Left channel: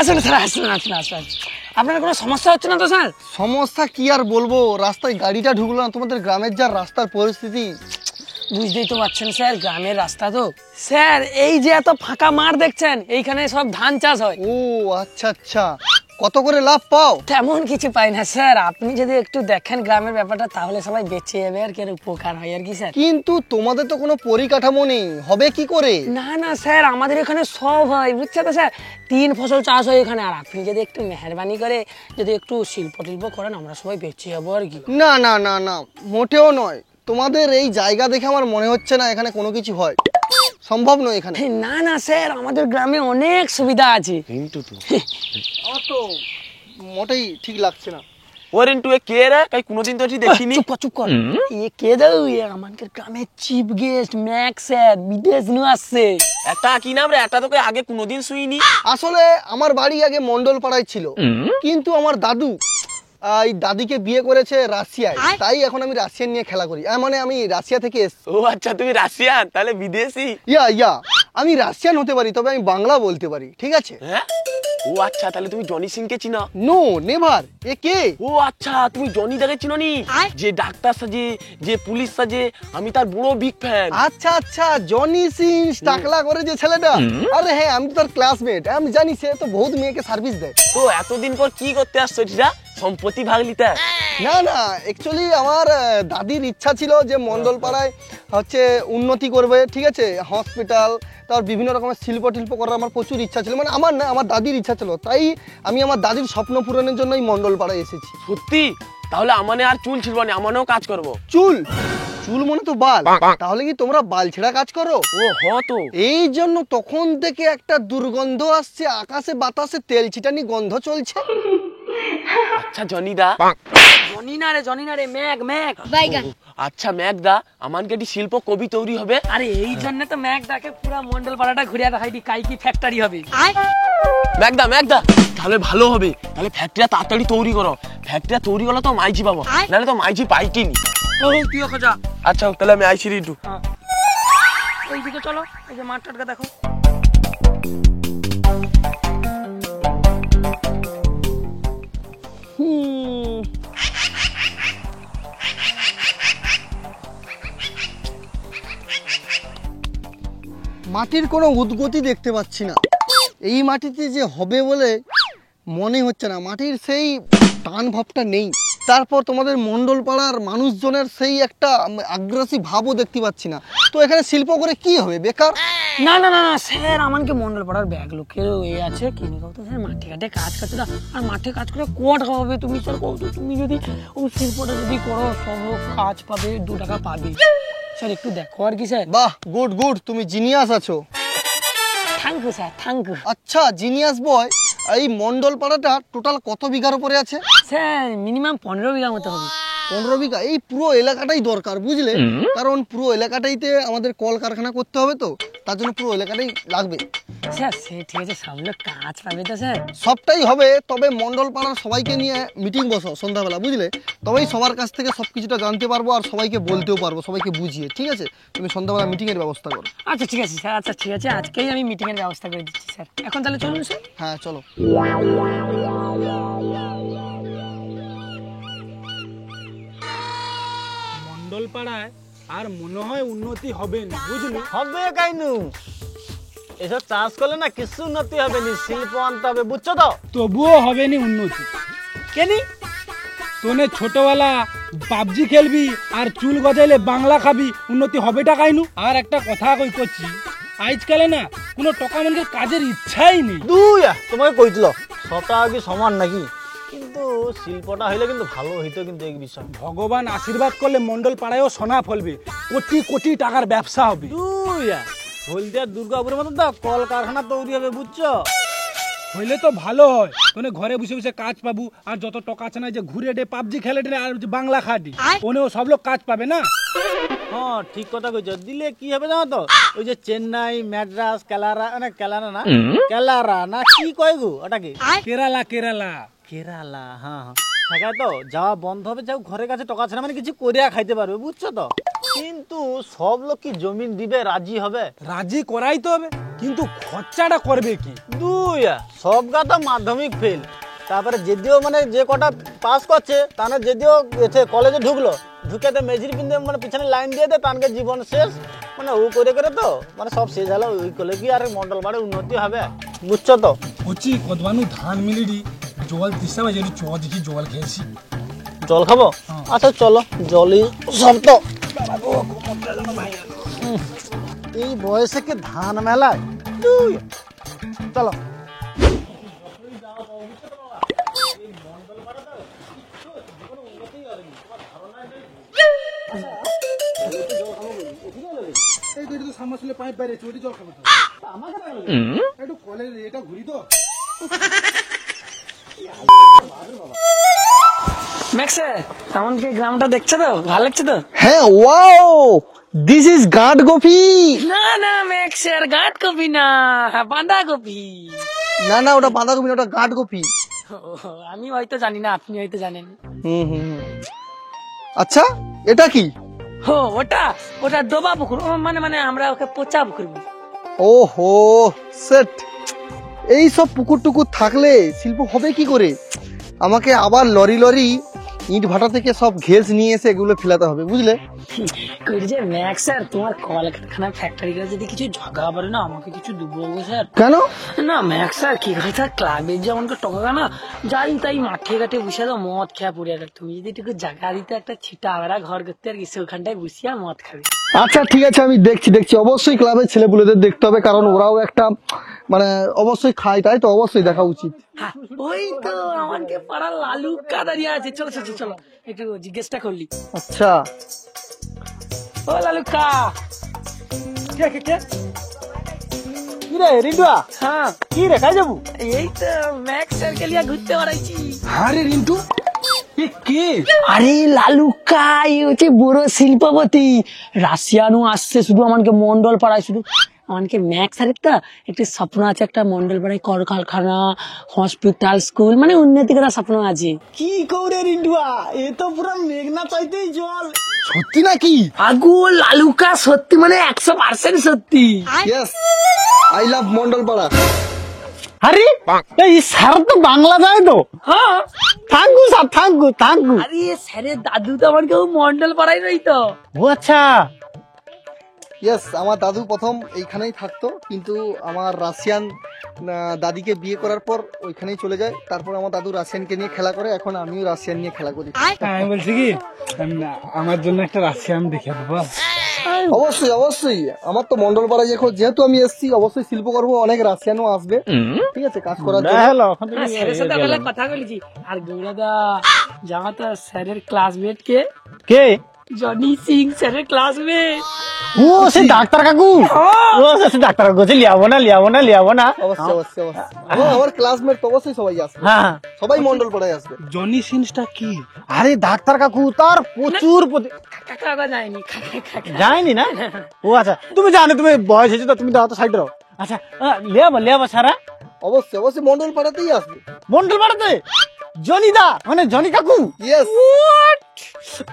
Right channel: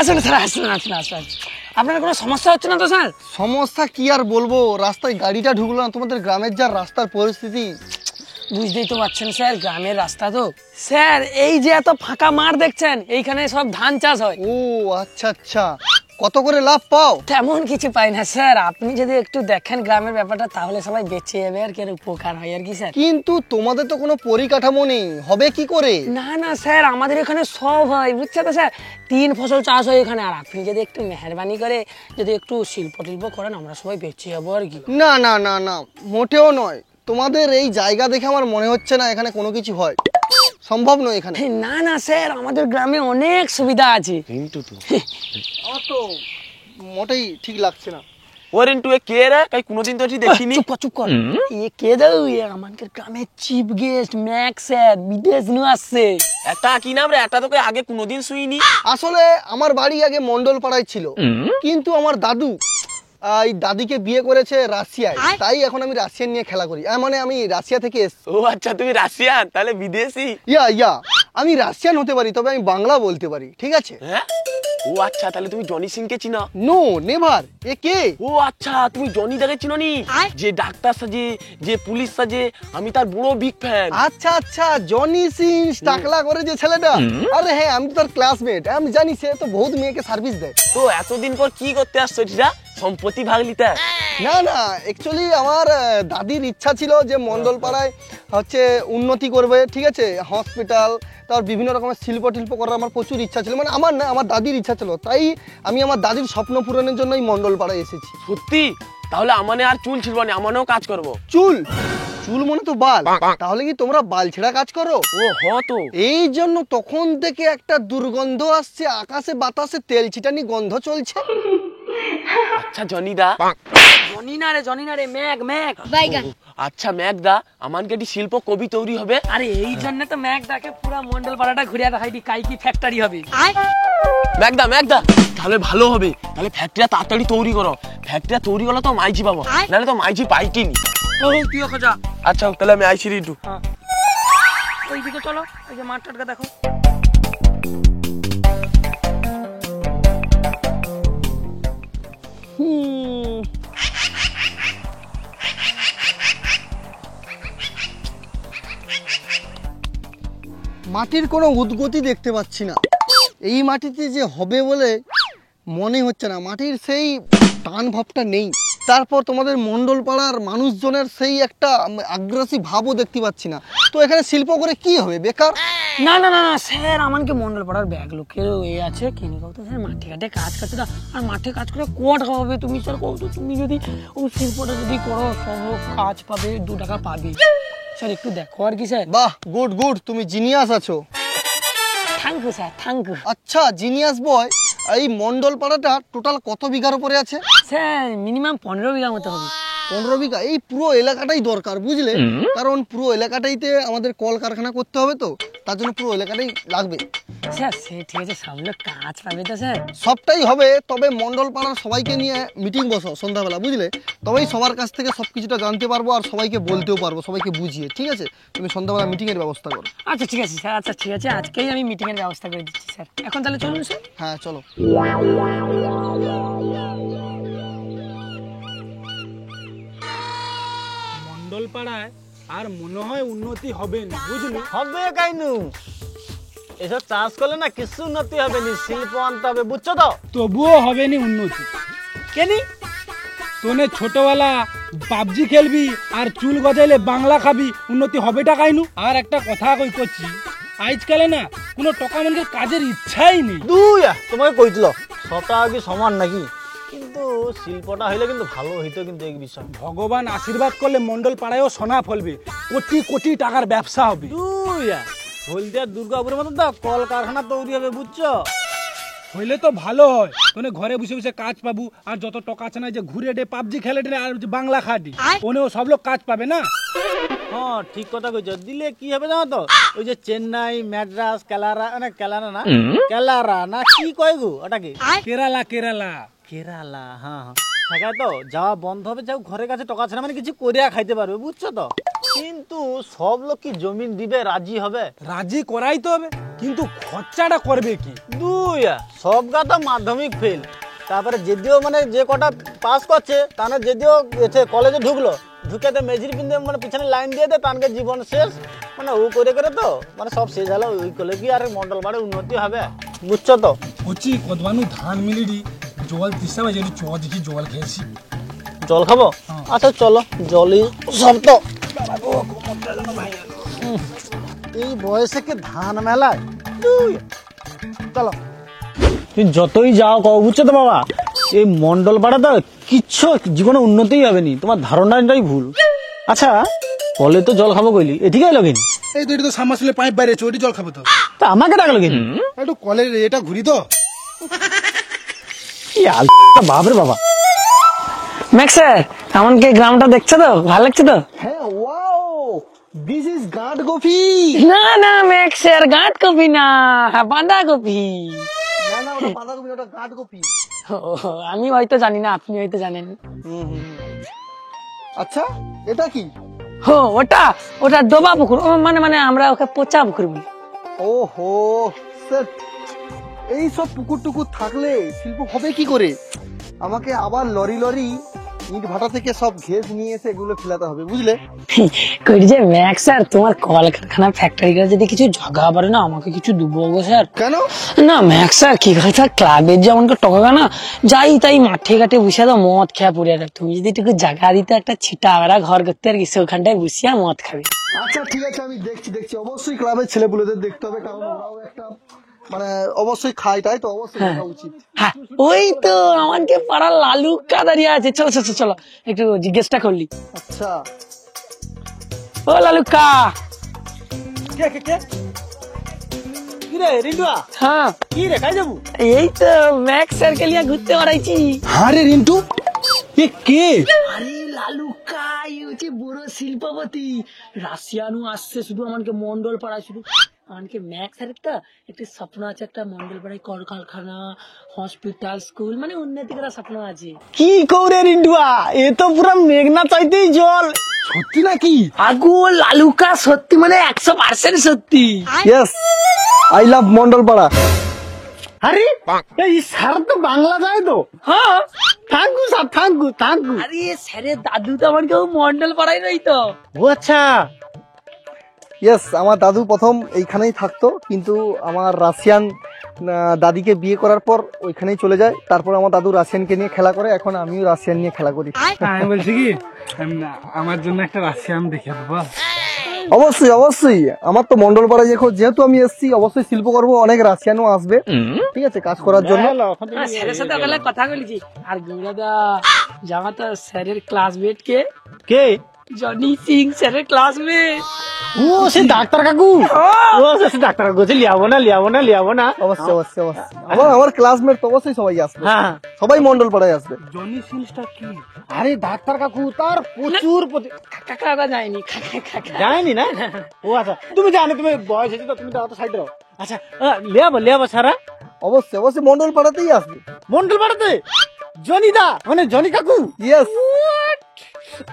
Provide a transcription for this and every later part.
আসুন স্যার, আসুন আসুন আসুন। আপনার কোনো সমস্যা হচ্ছে না তো স্যার? সমস্যা কি আর বলবো, রাস্তায় গাড়িটা ঢুকলো না। তোমাদের গ্রামের যা রাস্তার পরিস্থিতি, বুঝতেই তো পারছেন স্যার, গ্রামের রাস্তা তো। স্যার এই যে এত ফাঁকা মাঠ দেখছেন, এইখানে সব ধান চাষ হয়। ও আচ্ছা আচ্ছা, কত করে লাভ পাও? তেমন কিছু পাই না স্যার, আপনি যদি একটু দেখেন গ্রামের ব্যাপারটা তাহলে সবাই বেঁচে যাবে আর কি, আর উপকার হয় আর কি স্যার। কিন্তু তোমাদের তো কোনো পরিকাঠামো নেই, হবে কি করে? না না স্যার, আমাদের এখানে সব হয় বুঝছে তো স্যার, 3 ফসল চাষ হয় এখানে। আর আপনি যদি একটু মেহরবানি করে যদি একটু শিল্প টিল্প করেন, আমরা সবাই বেঁচে যাবো আর কি। না না না না, মোটেও নয়। তোমাদের এই জায়গা দেখে আমার মনে হচ্ছে না এখানে কোনো কিছু হয়, সম্ভব নয় এখানে। না না স্যার, আমাদের গ্রামে অনেক সুবিধা আছে। আমার তো মোটেই ঠিক লাগছে না। ও রিন্টু, এ কে রে? কাই কোনোদিন তো এটি দেখিনি। চুপ কর চুপ কর, এ কে দাও? এ আমাদের গ্রামের চিফ গেস্ট ম্যাক্স স্যার, বিদেশ নু আসছে। এটা কি নাম রে? এটা তোকে আগে কোনোদিন শুইনি। আসলে আমার বাড়ি আগে মন্ডল পাড়ায় ছিল, কিন্তু আমার দাদু এই দাদিকে বিয়ে করেছে রাশিয়ায়, তাই এখন আমি রাশিয়ান নিয়ে খেলা করি। মানে আমি রাশিয়া থেকে এসেছি। ও আচ্ছা, তুমি রাশিয়ান, তাহলে বিদেশি। ইয়া আমি রাশিয়ান হতে পারি, তবে আমি বাংলা বলতে পারি, ঠিক আছে? হ্যাঁ, ও আচ্ছা, তাহলে তুমি জনি সিং কে চিনো? No never. এ কে? ও আচ্ছা, তুমি জনি দাকে চিনো নি? যে ডাক্তার সাজে, যে পুলিশ সাজে, আমি তার বড় বিগ ফ্যান। আচ্ছা আচ্ছা, জনি সিং টাকলা করে যে ছেলেটা। আরে হ্যাঁ, আমি তার ক্লাসমেট, আমি জানি। সে তো বহুত মেয়েকে সার্ভিস দেয়। তো এতদিন পর কি করতে আসছো এটা? সম্পত্তি ভাগ লিতে? না না, অ্যাকচুয়ালি আমার দাদির ইচ্ছা ছিল যে মন্ডল পাড়ায় হচ্ছে উন্নতি করবে, ঠিক আছে? হসপিটাল, তার বিভিন্ন রকমের শিল্প টিল্প করার আমার প্রচুর ইচ্ছা ছিল। মানে আমার না, আমার দাদির ইচ্ছা ছিল, তাই আমি আমার দাদির স্বপ্ন পূরণের জন্য এই মন্ডল পাড়ায় এসেছি। সত্যি? তাহলে আমানে আর চুল ছিলব না, আমানেও কাজ করবো। চুল? চুল মনে তো বাল। তাহলে কি তোমরা বাল ছেঁড়া কাজ করো? ও হ তো। এই জন্য তখন থেকে একটা দুর্গন্ধ আসছে, আকাশে বাতাসে তেল ছিটানি গন্ধ চলছে। আচ্ছা জনি দা। জনি না রে, ম্যাক ম্যাক। আচ্ছা ম্যাক দা, আমানকে এটি শিল্প কবি তৈরি হবে। আরে এই জন্য তো ম্যাক দাকে পুরা মন্ডল পাড়াটা ঘুরিয়ে দেখাইবি, কাইকি ফ্যাক্টরি হবে। ম্যাক দা, তাহলে ভালো হবে। তাহলে ফ্যাক্টরিটা তাড়াতাড়ি তৈরি করো। ফ্যাক্টরিটা তৈরি করলে তো মাইজি পাবো, নাহলে তো মাইজি পাইটিনি। তুই ওকে যা। আচ্ছা তাহলে আমি আইসি রিন্টু। ওইদিকে চলো, এই যে মাঠ টাটকা দেখো। মাটির কোনো উদ্গতি দেখতে পাচ্ছি না। এই মাটিতে যে হবে বলে মনে হচ্ছে না, মাটির সেই টান ভাবটা নেই। তারপর তোমাদের মন্ডল পাড়ার মানুষজনের সেই একটা আগ্রাসী ভাবও দেখতে পাচ্ছি না। তো এখানে শিল্প করে কি হবে, বেকার? না না না না স্যার, আমাকে মন্ডল পাড়ার ব্যাগ লোকের এ আছে, কিনে কাউ তো স্যার মাঠে ঘাটে কাজ করছে না। আর মাঠে কাজ করে কোয়াট হবে? তুমি স্যার কও তো, তুমি যদি ওই শিল্পটা যদি করো, সব কাজ পাবে, 2 টাকা পাবে স্যার। একটু দেখো আর কি স্যার। বাহ, গুড গুড, তুমি জিনিয়াস আছো। Thank you sir, thank you. আচ্ছা জিনিয়াস বয়, এই মন্ডল পাড়াটা টোটাল কত বিঘার উপরে আছে? স্যার মিনিমাম 15 বিঘা মতো হবে। 15 বিঘা? এই পুরো এলাকাটাই দরকার, বুঝলে? কারণ পুরো এলাকাটাইতে আমাদের কলকারখানা করতে হবে, তো তার জন্য পুরো এলাকাটাই লাগবে। স্যার সে ঠিক আছে, সব লোক কাজ পাবে তো স্যার। সবটাই হবে, তবে মন্ডল পাড়ার সবাইকে নিয়ে মিটিং বসো সন্ধ্যাবেলা, বুঝলে? তবেই সবার কাছ থেকে সবকিছুটা জানতে পারবো, আর সবাইকে বলতেও পারবো, সবাইকে বুঝিয়ে। ঠিক আছে, তুমি সন্ধ্যাবেলা মিটিং এর ব্যবস্থা করো। আচ্ছা ঠিক আছে স্যার, আচ্ছা ঠিক আছে, আজকেই আমি মিটিং এর ব্যবস্থা করে দিচ্ছি স্যার। এখন তাহলে চলুন স্যার। হ্যাঁ চলো। মন্ডল পাড়ায় আর মনে হয় উন্নতি হবে না, বুঝলি? হবে কাইনু, এসব চাষ করলে না কিছু উন্নতি হবে না, শিল্প আনতে হবে, বুঝছো তো? তবুও হবে না উন্নতি। কেনি তোনে ছোটবেলা পাবজি খেলবি আর চুল গজাইলে বাংলা খাবি, উন্নতি হবেটা কাইনু? আর একটা কথা কই করছি, আজকালে না কোনো টাকা মানুষের কাজের ইচ্ছাই নেই। দুই তোমাকে কইছিল সবটা কি সমান নাকি? কিন্তু শিল্পটা হইলে কিন্তু ভালো হইতো, কিন্তু এই বিষয় ভগবান আশীর্বাদ করলে মন্ডল পাড়ায়ও সোনা ফলবে, কোটি কোটি টাকার ব্যবসা হবে। দুই হলদিয়ার দুর্গাপুরের মতন তো কলকারখানা তৈরি হবে, বুঝছো? হইলে তো ভালো হয়, তোনে ঘরে বসে বসে কাজ পাবো, আর যত টাকা আছে না যে ঘুরে ডে পাবজি খেলে ডে আর বাংলা খাটি, ওনেও সব লোক কাজ পাবে না। হ্যাঁ ঠিক কথা কইছো। দিলে কি হবে জানো তো? ওই যে চেন্নাই, ম্যাড্রাস, কেলারা, না কেলারা না, কেলারা না কি কয় গো ওটাকে? কেরালা কেরালা কেরালা, হ্যাঁ হ্যাঁ, সেখানে তো যাওয়া বন্ধ হবে। যাও ঘরের কাছে টাকা আছে না, মানে কিছু করিয়া খাইতে পারবে, বুঝছো তো? কিন্তু সব লোক কি জমিন দিবে, রাজি হবে? রাজি করাই তো হবে। কিন্তু খরচাটা করবে কি? সব গাতা মাধ্যমিক ফেল, তারপরে যদিও মানে যে কটা পাস করছে তাহলে যদিও এতে কলেজে ঢুকলো, ঢুকে তো মেঝির পিন্ধে মানে পিছনে লাইন দিয়ে দেয়, তানকে জীবন শেষ। মানে ও করে করে তো মানে সব শেষ হলো। ওই করলে কি আর মন্ডল বাড়ে উন্নতি হবে, বুঝছো তো? কচি কদবানু ধান মিলিডি জল দিশা বাজে চ দেখি জল খেয়েছি। জল খাবো? আচ্ছা চলো, জলই সব তো। এই বয়সে কি ধান মেলায়? চলো, তুই যতই যাও কও, বুঝছো তো বাবা, এই মন্ডল পাড়া তো কিচ্ছু জীবনে উন্নতিই হবে নি, তোমার ধারণাটাই ভুল। আচ্ছা কলে তো জল খাবো কইলি, এদিকে এলো কিনি? এই তো এটা তো সামাসলে পাইপ বাইরে চটি জল খাবো তো। তা আমাকে ডাকলো কিনি? একটু কলের এটা ঘুরি তো। কি আল বাপরে বাবা। ম্যাক্স স্যার, এমনকি গ্রামটা দেখছো তো, ভালো লাগছে তো? হ্যাঁ, ওয়াও, দিস ইজ গাঁট কফি। না না ম্যাক্স স্যার, গাঁট কপি না, বাঁধা কপি। না না, ওটা বাঁধাকপি না, ওটা গাঁট কফি। আমি হয়তো জানি না, আপনি হয়তো জানেন। আচ্ছা, এটা কি? ওটা ওটা ডোবা পুকুর, মানে মানে আমরা ওকে পচা পুকুর বলি। ওহো সেট, এই সব পুকুর টুকুর থাকলে শিল্প হবে কি করে? আমাকে আবার লরি লরি ইট ভাটা থেকে সব ঘেস নিয়ে এসে এগুলো ফেলাতে হবে, বুঝলে? কই যে ম্যাক্স স্যার, তোমার কলকারখানা ফ্যাক্টরি করে যদি কিছু ঝগা পারে না, আমাকে কিছু দেবো গো স্যার। কেন? না ম্যাক্স স্যার, কি করে স্যার, ক্লাবের যে আমাকে টকা না, যাই তাই মাঠে ঘাটে বসে তো মদ খেয়া পড়ে আর তুমি যদি একটু জায়গা দিতে, একটা ছিটা আড়া ঘর করতে আর কিছু, ওখানটায় বসিয়া মদ খাবে। আচ্ছা ঠিক আছে, আমি দেখছি অবশ্যই ক্লাবের ছেলেপুলেদের দেখতে হবে, কারণ ওরাও একটা মানে অবশ্যই খায়, তাই তো অবশ্যই দেখা উচিত। হ্যাঁ, ওই তো আমাকে পাড়ার লালু কা দাঁড়িয়ে আছে, চলো চলো চলো একটু জিজ্ঞেসটা করলি। আচ্ছা, ও লালু কা। হ্যাঁ, কি রে, কাজ যাবো? এই তো ম্যাক্স স্যারকে নিয়ে ঘুরতে বেড়াইছি। আরে রিন্টু, এ কে? আরে লালুকা, এই হচ্ছে বড় শিল্পপতি, রাশিয়ানও আসছে শুধু আমাকে মন্ডল পাড়ায়, শুধু আমাকে ম্যাক্স স্যারের তো একটি স্বপ্ন আছে, একটা মন্ডল পাড়ায় কলকারখানা, হসপিটাল, স্কুল, মানে উন্নতি করার স্বপ্ন আছে। কি করে রিন্টুয়া, এ তো পুরো মেঘনা চাইতেই জল। সত্যি নাকি? আগো লালুকা, সত্যি মানে 100% সত্যি। Yes, I love Mondalpara. আরে এই স্যার তো বাংলা যায় তো। হ্যাঁ, thank you sir, thank you thank you. আরে স্যারের দাদু তো আমার কেউ মন্ডল পাড়ায় রই তো। ও আচ্ছা, ইয়েস, আমার দাদু প্রথম এইখানেই থাকতো, কিন্তু আমার রাশিয়ান দাদিকে বিয়ে করার পর ওইখানেই চলে যায়। তারপর আমার দাদু রাশিয়ানকে নিয়ে খেলা করে, এখন আমিও রাশিয়ান নিয়ে খেলা করি। আমি বলছি কি, আমার জন্য একটা রাশিয়ান দেখে দেবো। অবশ্যই অবশ্যই, আমার তো মন্ডলপাড়া যেহেতু আমি এসেছি, অবশ্যই শিল্প করবো, অনেক রাশিয়ানও আসবে, ঠিক আছে, কাজ করার জন্য। স্যারের সাথে বেলা কথা বলেছি। আর গৌরাদা, জানা তো স্যারের ক্লাসমেট কে? কে? জনি সিং, স্যারের ক্লাসমেট। ও সে ডাক্তার কাকু, ও সে ডাক্তার কাকু, লিয়াবো না লিয়াবো না লিয়াবো না। অবশ্যই অবশ্যই অবশ্যই। আমার ক্লাসমেট তো অবশ্যই সবাই আসবে, হ্যাঁ সবাই মন্ডলপাড়ায় আসবে। জনি সিনসটা কি? আরে ডাক্তার কাকু তার প্রচুর কাকা যায়নি, যায়নি না? ও আচ্ছা, তুমি জানো, তুমি বয়স হয়েছে তো, তুমি দাও তো সাইড রো। আচ্ছা লিয়াবো সারা। অবশ্যই অবশ্যই মন্ডলপাড়াতেই আসবে। মন্ডল পাড়াতে জনিদা, মানে জনি কাকু। ইয়েস,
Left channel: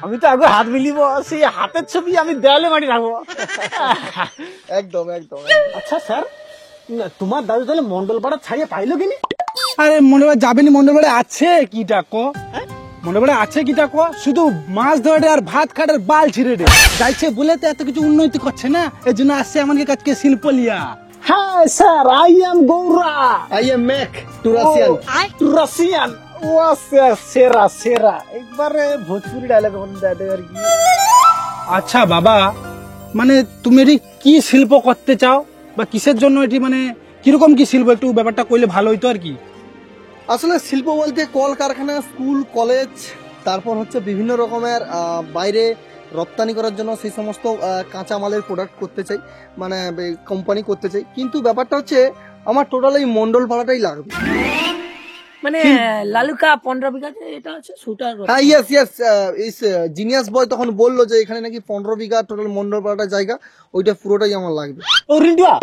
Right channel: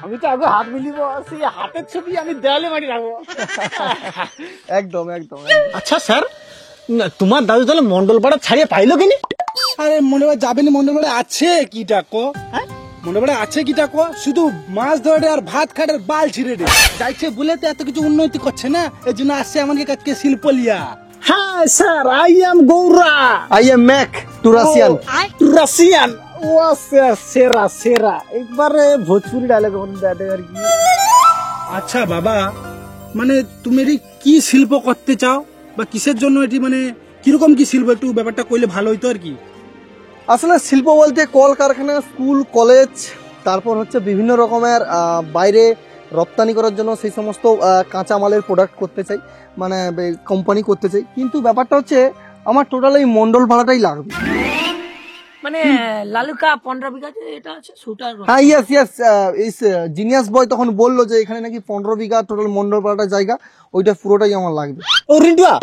আমি তো আগে হাত মিলিব, সেই হাতের ছবি আমি দেয়ালে মাটি রাখবো। একদম একদম। আচ্ছা স্যার, তোমার দাদু তাহলে মন্ডল পাড়া ছাড়িয়ে পাইলো কিনি? আরে মনে হয় যাবেনি, মনে পড়ে আছে কি টাকো, মনে পড়ে আছে কি টাকো, শুধু মাছ ধরে আর ভাত খাটের বাল ছিঁড়ে দে যাইছে বলে তো এত কিছু উন্নতি করছে না, এই জন্য আসছে আমাদের কাছে শিল্প লিয়া। হ্যাঁ sir, I am Goura, I am Mac to Russian. Russian. ও স্যার, সেরা সেরা, একবারে ভোজপুরি ডায়লগ বলতে আর কি। আচ্ছা বাবা, মানে তুমি এটি কি শিল্প করতে চাও বা কিসের জন্য এটি, মানে কিরকম কি শিল্প, একটু ব্যাপারটা করলে ভালো হইতো আর কি। আসলে শিল্প বলতে কলকারখানা, স্কুল, কলেজ, তারপর হচ্ছে বিভিন্ন রকমের বাইরে রপ্তানি করার জন্য সেই সমস্ত কাঁচামালের প্রোডাক্ট করতে চাই, মানে কোম্পানি করতে চাই। কিন্তু ব্যাপারটা হচ্ছে আমার টোটাল এই মন্ডলপাড়াটাই লাগবে। মানে লালুকা 15 বিঘাতে এটা আছে শুটার। হ্যাঁ, ইয়েস ইয়েস, এই জিনিয়াস বয় তখন বললো যে এখানে নাকি 15 বিঘা টোটাল মন্ডলপাড়াটা জায়গা, ওইটা পুরোটাই আমার লাগবে। ও রিন্টুয়া,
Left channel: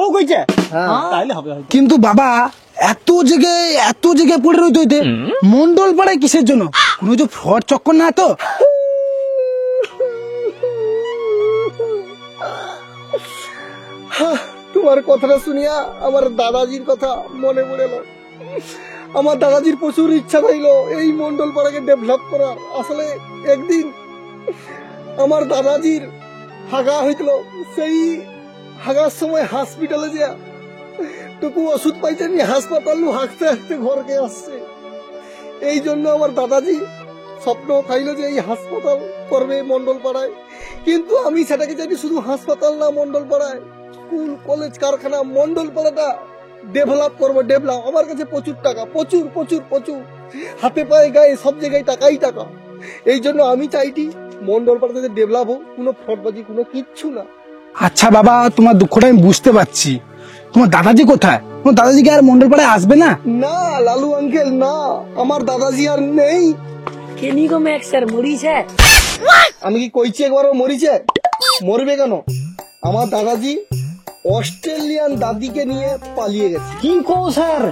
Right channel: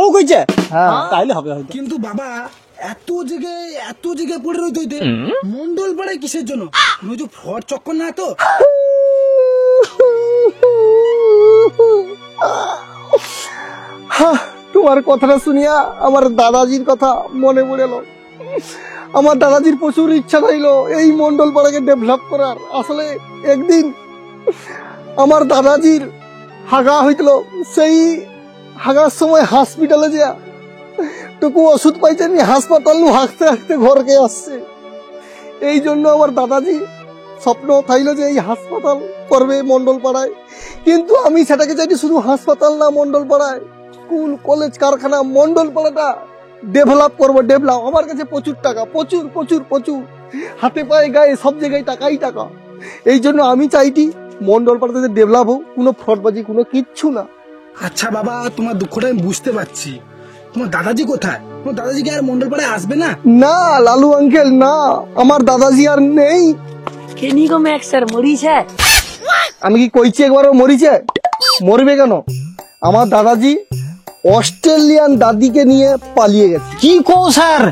ও কইছে হ্যাঁ, তাইলে হবে হয়তো। কিন্তু বাবা, এত জায়গায় পড়ে রইতে হইতে মন্ডল পাড়ায় কিসের জন্য? কোনো যে ফ্রড চক্কর না তো? হ্যাঁ, টু তোমার কথাটা শুনিয়া আমার দাদাজির কথা মনে পড়ে এলো। আমার দাদাজির প্রচুর ইচ্ছা ছিল এই মন্ডল পাড়াকে ডেভেলপ করার। আসলে একদিন আমার দাদাজির হাগা হয়েছিল, সেই হাগার সময় হসপিটালে যা টুকু ওষুধ পাইছেন, হাসপাতাল হাসতে হাসতে ঘরকে আসছে। এই জন্য আমার দাদাজি স্বপ্ন থাইল যে এই হাসপাতাল করবে মন্ডল পাড়ায়। কিন্তু আমি সেটাকে চাইছি শুধু হাসপাতাল না, মন্ডল পাড়ায় স্কুল কলেজ কারখানা মন্ডল পাড়াটা ডেভেলপ করবো। ডেভেলপ আমার কাছে প্রচুর টাকা, প্রচুর প্রচুর প্রচুর, হাতে পায়ে গায়ে সব জায়গায় টাকাই টাকা। এই জন্য আমি চাইছি মন্ডল পাড়াতে ডেভেলপ হোক, কোনো ফ্রডবাজি কোনো কিচ্ছু না। আচ্ছা বাবা, তোমার দুঃখটা আমি বুঝতে পারছি। তোমার দাদাজি কোথায়? তোমার দাদাজি কি আর মন্ডল পাড়ায় আসবে না? না লালু আঙ্কেল না, আমার দাদাজি আর নেই। কেনি গো ম্যাক্স স্যার মরিছে? আমি কি কইছি একবারও মরিছে? মরবে কেন? আমার দাদাজি অস্ট্রেলিয়ান দাদিকে নিয়ে পালিয়ে গেছে। কি কো স্যার,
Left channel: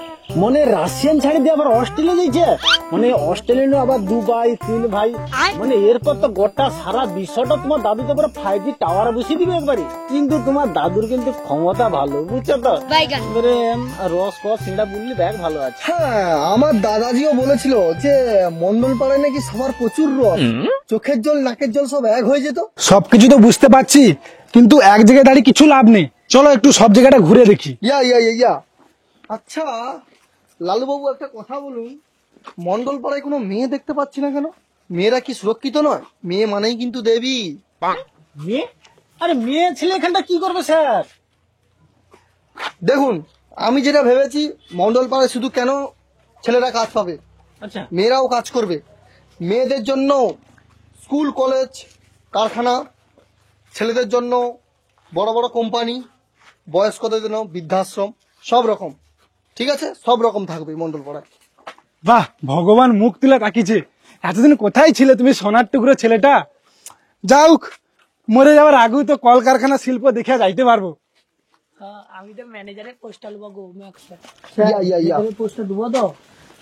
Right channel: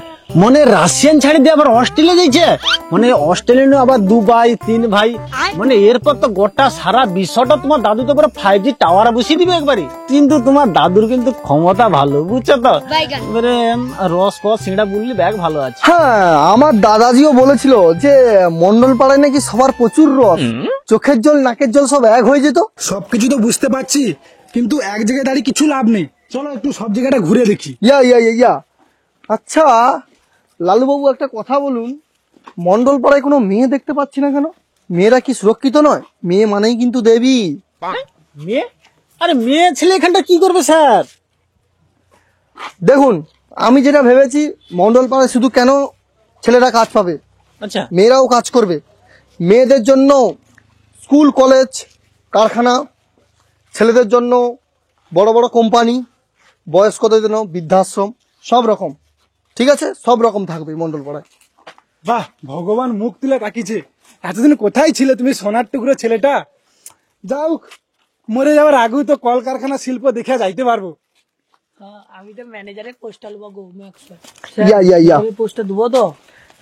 মানে রাশিয়ান ছাড়ি দিয়ে আবার অস্ট্রেলিয়া যাইছে? মানে অস্ট্রেলিয়া আবার 2 ভাই 3 ভাই, মানে এরপর তো গোটা সারা বিশ্বটা তোমার দাদু তো করে 5G টাওয়ার বসিয়ে দিবে একবারে। কিন্তু তোমার দাদুর কিন্তু ক্ষমতা ভালো, বুঝছো তো? এবারে রস ফস সিঁড়া বুঝলি ব্যাগ ভালো আছে। হ্যাঁ, আমার দাদাজিও বলেছিল যে মন্ডল পাড়ায় নাকি সবার প্রচুর রস, চোখের জল নাকের জল সব এক হয়ে যেত। সবকিছু তো বুঝতে পারছি, কিন্তু এক জায়গায় দাঁড়িয়ে কিছু লাভ নেই। চলো একটু সব জায়গাটা ঘুরে দেখি। ইয়া আচ্ছা লালুবাবু, একটা কথা বলুন, মন্ডল পাড়ায় কোনো মেয়ে দেখতে পাচ্ছি না কেন? মেয়েরা কি সুরক্ষিত নয়? মেয়ে মানেই কিন্তু দেবী। মেয়ে? আরে মেয়ে ছেলে এখানটা কি করবে স্যার? দেখুন, আমি যেটা ভেবেছি, মন্ডল পাড়ায় শুধু কেন ছেলেরা কাজ পাবে, আচ্ছা, মেয়েরাও কাজ করবে। মেয়েদের জন্য স্কুল কলেজ কারখানা, ছেলেদের জন্য বড় বড় কোম্পানি, বয়স্কদের জন্য বৃদ্ধাশ্রম, সব রকম, ঠিক আছে, সব রকম থাকবে মন্ডল পাড়ায়। বাহ, ভগবান মুখ তুলে তাকিয়েছে। এতদিন কোথায় ছিলে তুমি সোনার টুকরো ছেলেটা? যাওক, মরে যাওয়ার আগেও তো কলকারখানা শিল্প দেখে যাইতে পারবো। আমি তো ম্যানেজারের পোস্টটা লব গো ম্যাক্স স্যার। ইয়া পোস্টটা দেবো তো?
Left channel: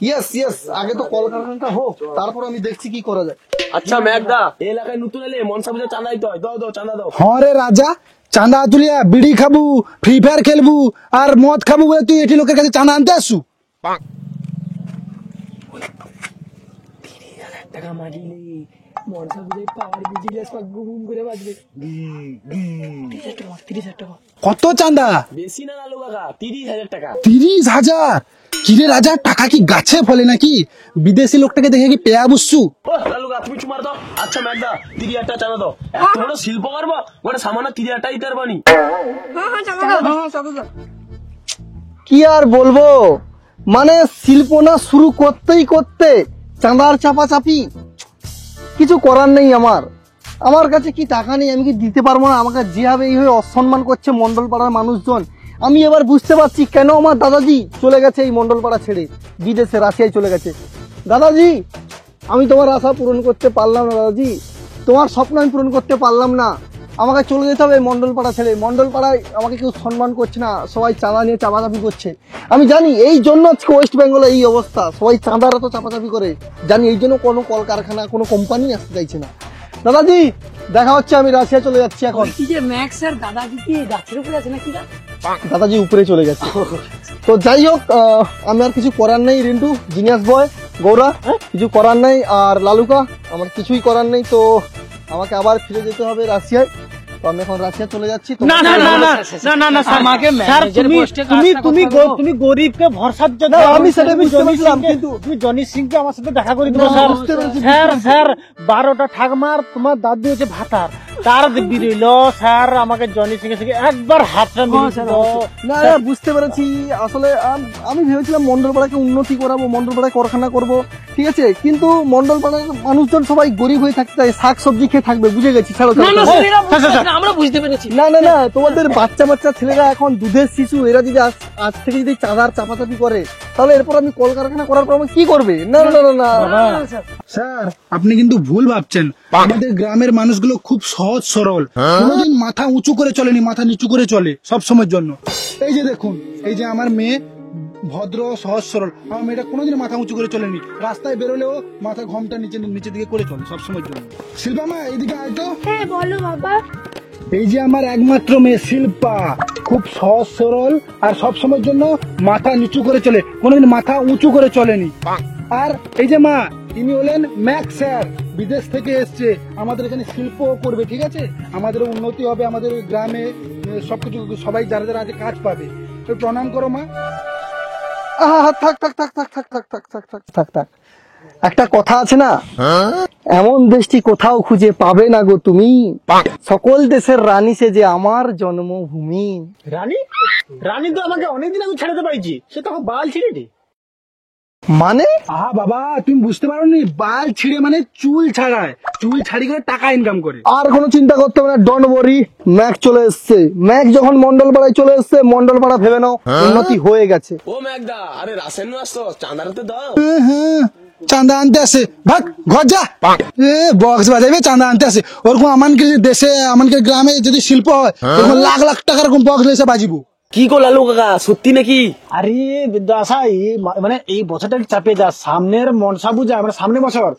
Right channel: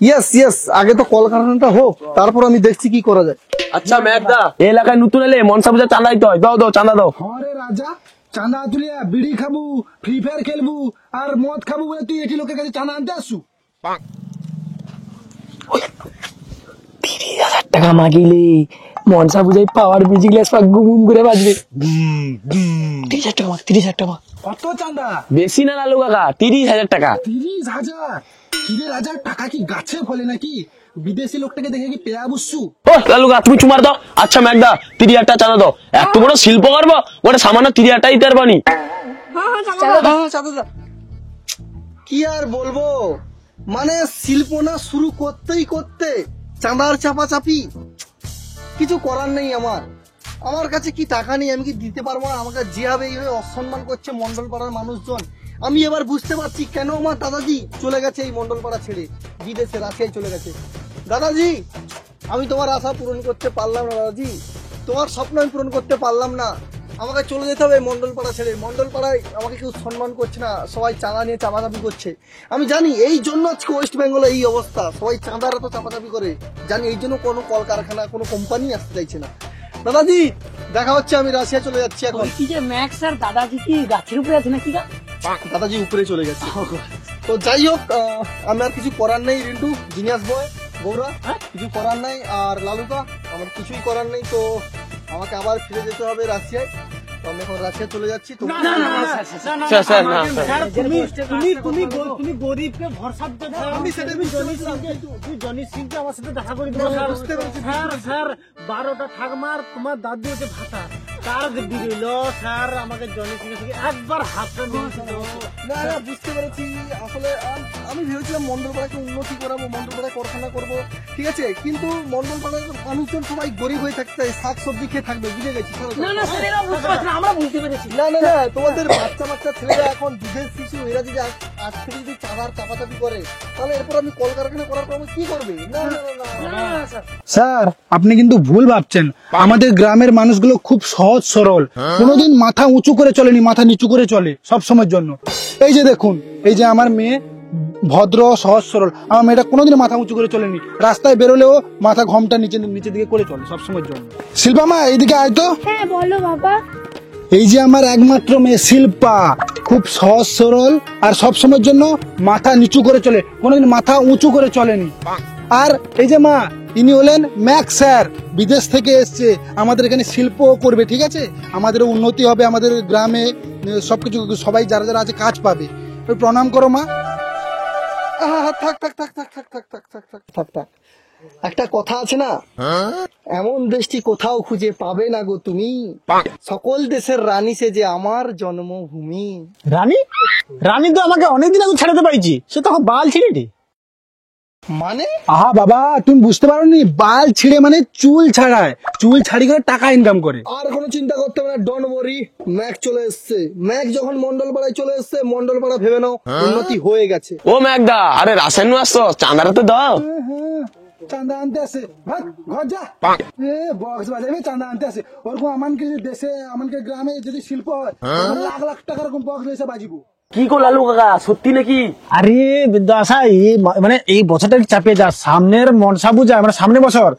ইয়েস, আগে তো কলকারখানাটা হোক, তারপর আমি দেখছি কি করা যায়। আচ্ছা মেঘদা, এই এলাকায় নতুন এলে মনসা পূজা চাঁদা দিতে হয়, দাও চাঁদা দাও। হরে রাজা, চাঁদা তুলিয়া বিড়ি খাবু, ফ্রি ফায়ার খেলবু আর মদ খাবু বলে তুই এটি লোকের কাছে চাঁদা আনতে আসু? 30,000 টাকা মাগিলে মনসা পূজায় পাওয়ার মিউজিক গ্লাস পাক গুম করে বাজবে। 30,000 টাকা। কত চাঁদা? বেশি না লালু কাকা, 30,000 টাকা। 30,000? কিরে রাজা, টাকা কি গাছে ফলে নাকি? বিদেশি লোকটাকে দেখে কি পেয়া বুঝছু? ও লালু কাকা, তুমি চুমার দাও। আচ্ছা মেঘদা, 30,000 টাকা চাঁদা দাও। এত বড় শিল্প করবো, ওটা সামান্য 30,000 টাকা দিতে পারবানি? কি আর বলবো, মানে শিল্প না শুরু করতে চাঁদার চাপাচাপি, কিছু করার নেই। আমার কাছে কি টাকা নেই, আমি কি দিতে পারবো না? আমাকে যেভাবে এইভাবে অসম্মান করছে মন্ডল পাড়ার মানুষজন, আমি এবার বুঝতে পারছি কেন আমার দাদাজি চলে গেছে এই মন্ডল পাড়া ছেড়ে, বিদেশে রাশিয়ায় চলে গেছে। দাদাজি, আমি তোমার আশা পূরণ করতে পারলাম না দাদাজি, তোমার স্বপ্ন আমি পূরণ করতে পারলাম না। আমাকে চলে যেতে হবে মন্ডল পাড়া ছেড়ে। মন্ডল পাড়ায় আমাকে কেউ সম্মান করছে না, সবাই চাঁদা নিয়ে চাপাচাপি করছে। আমি জানি এই জন্য আজকে ওয়েস্ট বেঙ্গলে এই অবস্থা, সবাই চাঁদার এত চাপাচাপি করে, জানি এই জন্য কোনো কলকারখানা কোনো কোম্পানি আসতে চাইছে না। দাদাজি দেখা হচ্ছে, আমি রাশিয়া চলে যাচ্ছি এখন। কি যে ম্যাক্স স্যার, দাদাজি কি গাছের উপরে আছে নাকি? দাদাজি উপরে চলে গেছে। তো যাই হোক, আমি আর কিছু করার নেই। রিন্টু, জিনিয়াস বয়, গৌরা, কিছু করার নেই। আর লালুকা, আমার কিছুই করার নেই। তো আমাকে আবার ফিরে যেতে হবে রাশিয়ায়। তো আমি এখন রাশিয়া চলে যাচ্ছি। না স্যার, তুমি গরিবকে ভরসার জন্য, আমি সেটা বুঝতে পারলাম, কিন্তু তুমি জনি সিংকে আমার সাথে দেখা করে দিও স্যার। 12টা ঠাকমার তোমার দাদু হচ্ছে ভাতার, তার দিব্যি রইল স্যার। আমাকে জনি সিং থেকে একবার হাতটা মিলিয়ে না বুঝতে পেরেছি। আসলে আমি ভেবেছিলাম মন্ডল পাড়াকে উন্নতি করাবো, মন্ডল পাড়ায় কারখানা করবো, ঠিক আছে, কিন্তু মন্ডল পাড়ার মানুষজন সবাই গরিব হয়ে থাকতে চায়, শাক সবজি খেয়ে থাকবে, বুঝে গেছি। আমরা বুঝতে পেরেছি। না তোমাদের বাচ্চা ছেলেরা এখন দুধের শিশু, এরা যদি আজ থেকে যদি চাঁদার চাপাচাপি করে, তাহলে এরপর আমি কলকারখানা করার পর আমি কি করবে? না স্যার, আপনি কিন্তু ভুল ভাবছেন। আমাদের গ্রামের মানুষগুলো খুব সহজ সরল, কোনোদিন মাথা উঁচু করে চলেনি, মাথা নিচু করে চলে সব সময়ের জন্য। এই যে দেখুন, এই যে আমার মেয়ে ভদ্র সহজ সরল, আমার মেয়েটা কোনোদিন মাথা উঁচু করে চলেনি, রাস্তায় বেরোলেও মাথা ঘমটা নিচে দিকে করে চলে সব সময়ের জন্য। শিল্পা মা, এইদিকে আয় তো। হ্যাঁ বলো বাবা। এই যে আমার একমাত্র মেয়ে শিল্পা, খুব সহজ সরল আর সবসময়ের জন্য মাথা নিচু করে চলে, কোনোদিন মাথা উঁচু করে চলেনি। আর এই যে মা, ইনি হলেন ম্যাক্স স্যার, বিদেশ থেকে এসছে, আমাদের এখানে শিল্প করবে, ঠিক আছে? আমাদের উন্নতি হবে, আমাদের গ্রামে সবকিছু, সবাই যারা যারা আছে কাজ পাবে। একটু প্রণাম করো মা। থাক থাক থাক থাক থাক থাক থাক থাক থাক থাক থাক। একটা কথা আছে না, এমন দেশটি কোথাও খুঁজে পাবে না গো তুমি, সকল দেশের রানী সে যে আমার জন্মভূমি। রানী রানী তো আমাকে অনেকদিন আগে ছাড়াতে পারছি, সে তো বাল ছিঁড়েটি। মানে আহা বাবা, তুমি বুঝতে পারো নি, বাল ছিঁড়ে মানে চুল ছাড়ায়, চুল ছাড়ি করে টাকা ইনকাম করে। আর কোনো চিন্তা করতে হবে না, ডোন্ট ওয়ারি, ম্যাক চলে এসছে। ম্যাক যখন মন্ডলপাড়ায় চলে এসছে, মন্ডলপাড়া ভেবে নাও উন্নতি হয়ে গেছে। ও ম্যাকদা, আরে রাসায়ন আসছো, চাঁদারা তো দাও। হ্যাঁ, চাঁদা আনতে আসে, ভাগ ঘর যা, বক্স বাজাবে চাঁদা আনতে আসে। ওরকম আমাদের দেশে, আমাদের গ্রামে যদি শিল্প হয়, ওরকম লাখ লাখ টাকার এরকম বক্স এসে বাজিবো। কি গো লালু কাকা, সত্যি নাকি? আরে বিদ্যাশা, মানে এই বছরটা চাপে যা, সামনের মনসা পূজা মানে সামনের বছর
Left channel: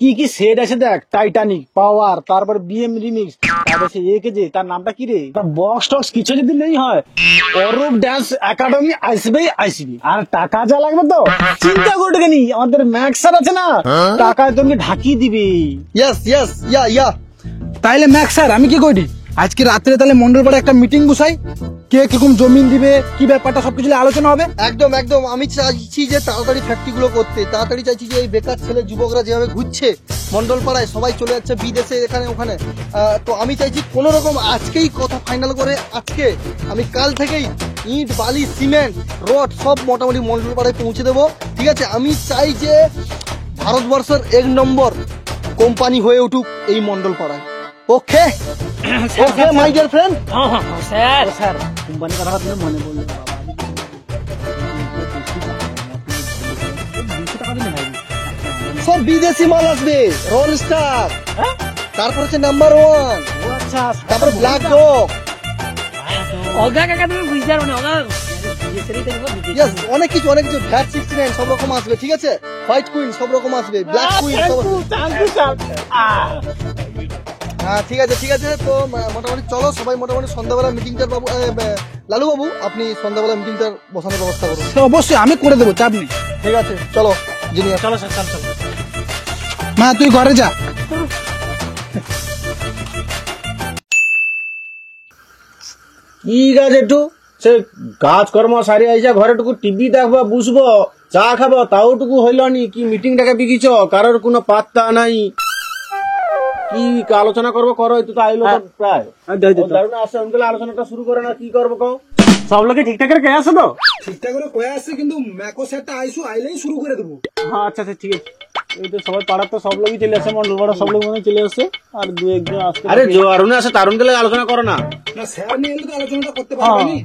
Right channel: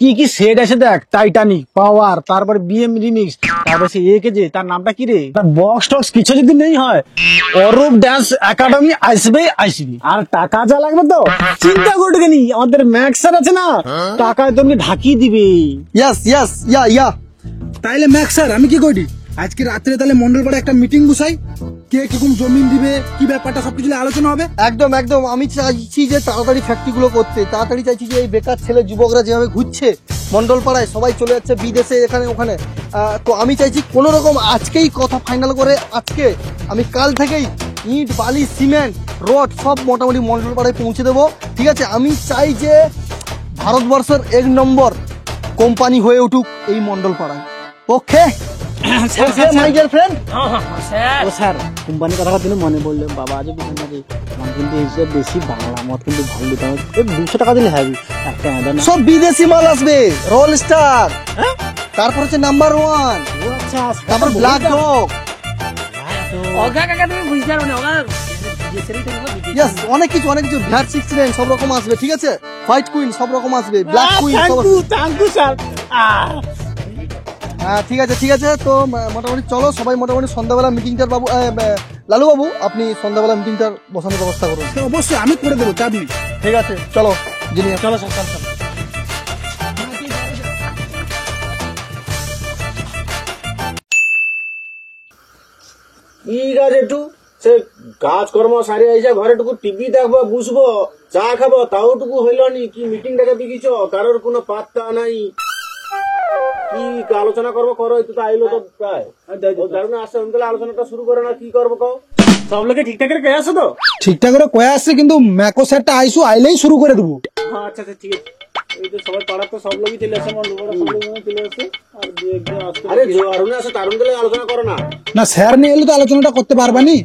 কি কি সেট আছে দেখ, টাইটানিক, পাওয়ার, তারপরে বিএম রিমিক্স, তারপরে সে একে যে তার নামটা কি রে, বক্স টক্স কিছু যদি নেই হয়, অরূপ ডান্স একাডেমি আসবেই আসবি। আর টাকা যা লাগবে তো চিন্তা করতে নি, আমাদের ম্যাক্স স্যার আছে না, টাকা তুমি ঢাকিয়ে দিবি। ইয়েস ইয়েস, ইয়া ইয়া। তাইলে ম্যাক্স স্যার, আমি কি করি, আজকে রাত্রে তাহলে মন্ডলপাড়ে একটা মিটিং বসাই, কে কিরকম জমিন দিবে, কি ব্যাপারটা সবকিছু নিয়ে আলোচনা হবে। একদম একদম, আমি চাইছি যে তাড়াতাড়ি ফ্যাক্টরি গুলো করতে, তাড়াতাড়ি চাইছি যে এই বেকার ছেলে যুবকরা যেভাবে ঘুরছে মন্ডলপাড়ায়, সবাই চলে যাচ্ছে বিদেশে এখানে ওখানে, তো আমি চাইছি কোন রকম আজকেই কথা ফাইনাল করে, আজকে আমি কাল থেকেই ইট বালি সিমেন্ট রড সব মোটামুটি মন্ডলপাড়ায় পৌঁছে দেবো, ঠিক আছে? আমি চাই যে ভারতবর্ষের 1 নম্বর কোম্পানি হয়ে উঠুক এই মন্ডলপাড়ায়। Okay my dear friend. Sir sir কোম্পানির কথা তুমি মনে বললেন, বাবা আজ কিন্তু হিসেবে বেশি বাংলা মত কিন্তু ভালো, 200 টাকা দিলে হবে একটা হবে না। সব বিদেশি মাল আসবে, রোল স্টার, তারপর হচ্ছে নাম্বার 1, তারপর ব্ল্যাক ডগ, অগা কাকা তুমি বুঝতে পারো না, অগা ইয়েস, অনেক কিছু ব্ল্যাক 69 সব রকম আসবে, ঠিক আছে? হোয়াইট কুইন সব রকম আসবে, ব্ল্যাক কুইন সব। হ্যাঁ ঠিক আছে ঠিক আছে, তো মোটামুটি চলো সবাই মোটামুটি সন্ধ্যাবেলা মিটিংটার বাবু, লালু বাবু আপনি সন্ধ্যাবেলা মিটিংটা বসানোর ব্যবস্থা করুন। অবশ্যই আমি করে দেবো, চাপ নেই। ঠিক আছে চলো, চলো স্যার, চলো। মা তুই ঘরে যা। ঠিক আছে, একটু সে কাজকর্ম সারি আইসা ঘরে টুকু টিভি দেখবো, বুঝবো, চা খাবো, তাও টুকু হইল নি, কি মিটিং টাকে বিকিছ, কারোর কোনো পাত্তা নাই, কি আলোচনা করবো করো, একটু তো আইলো তো প্রায় আসে, আমি তাহলে আলোচনাটা শুরু করে না, কি করবো কও? সব লোকে ঠিকঠাক করে কে আসো তো? ঠিকঠাক করে কয়ে আসছে, কিন্তু ম্যাকো স্যারটা আইসু আইলেই শুরু করে দেবো। আচ্ছা আচ্ছা ঠিক আছে, এই তো সবাই পাড়ার তো সব লোকই চলে আসছে, মন্ডলপাড়া সব লোক মনে চলে আসছে, আর দু একজন আসছে। আরে জোয়ারুনে আসে, তারুণ গেলে আলোচনা করো না। না স্যার নিয়ে এলে তো আলোচনাটা করতে পারবে নি,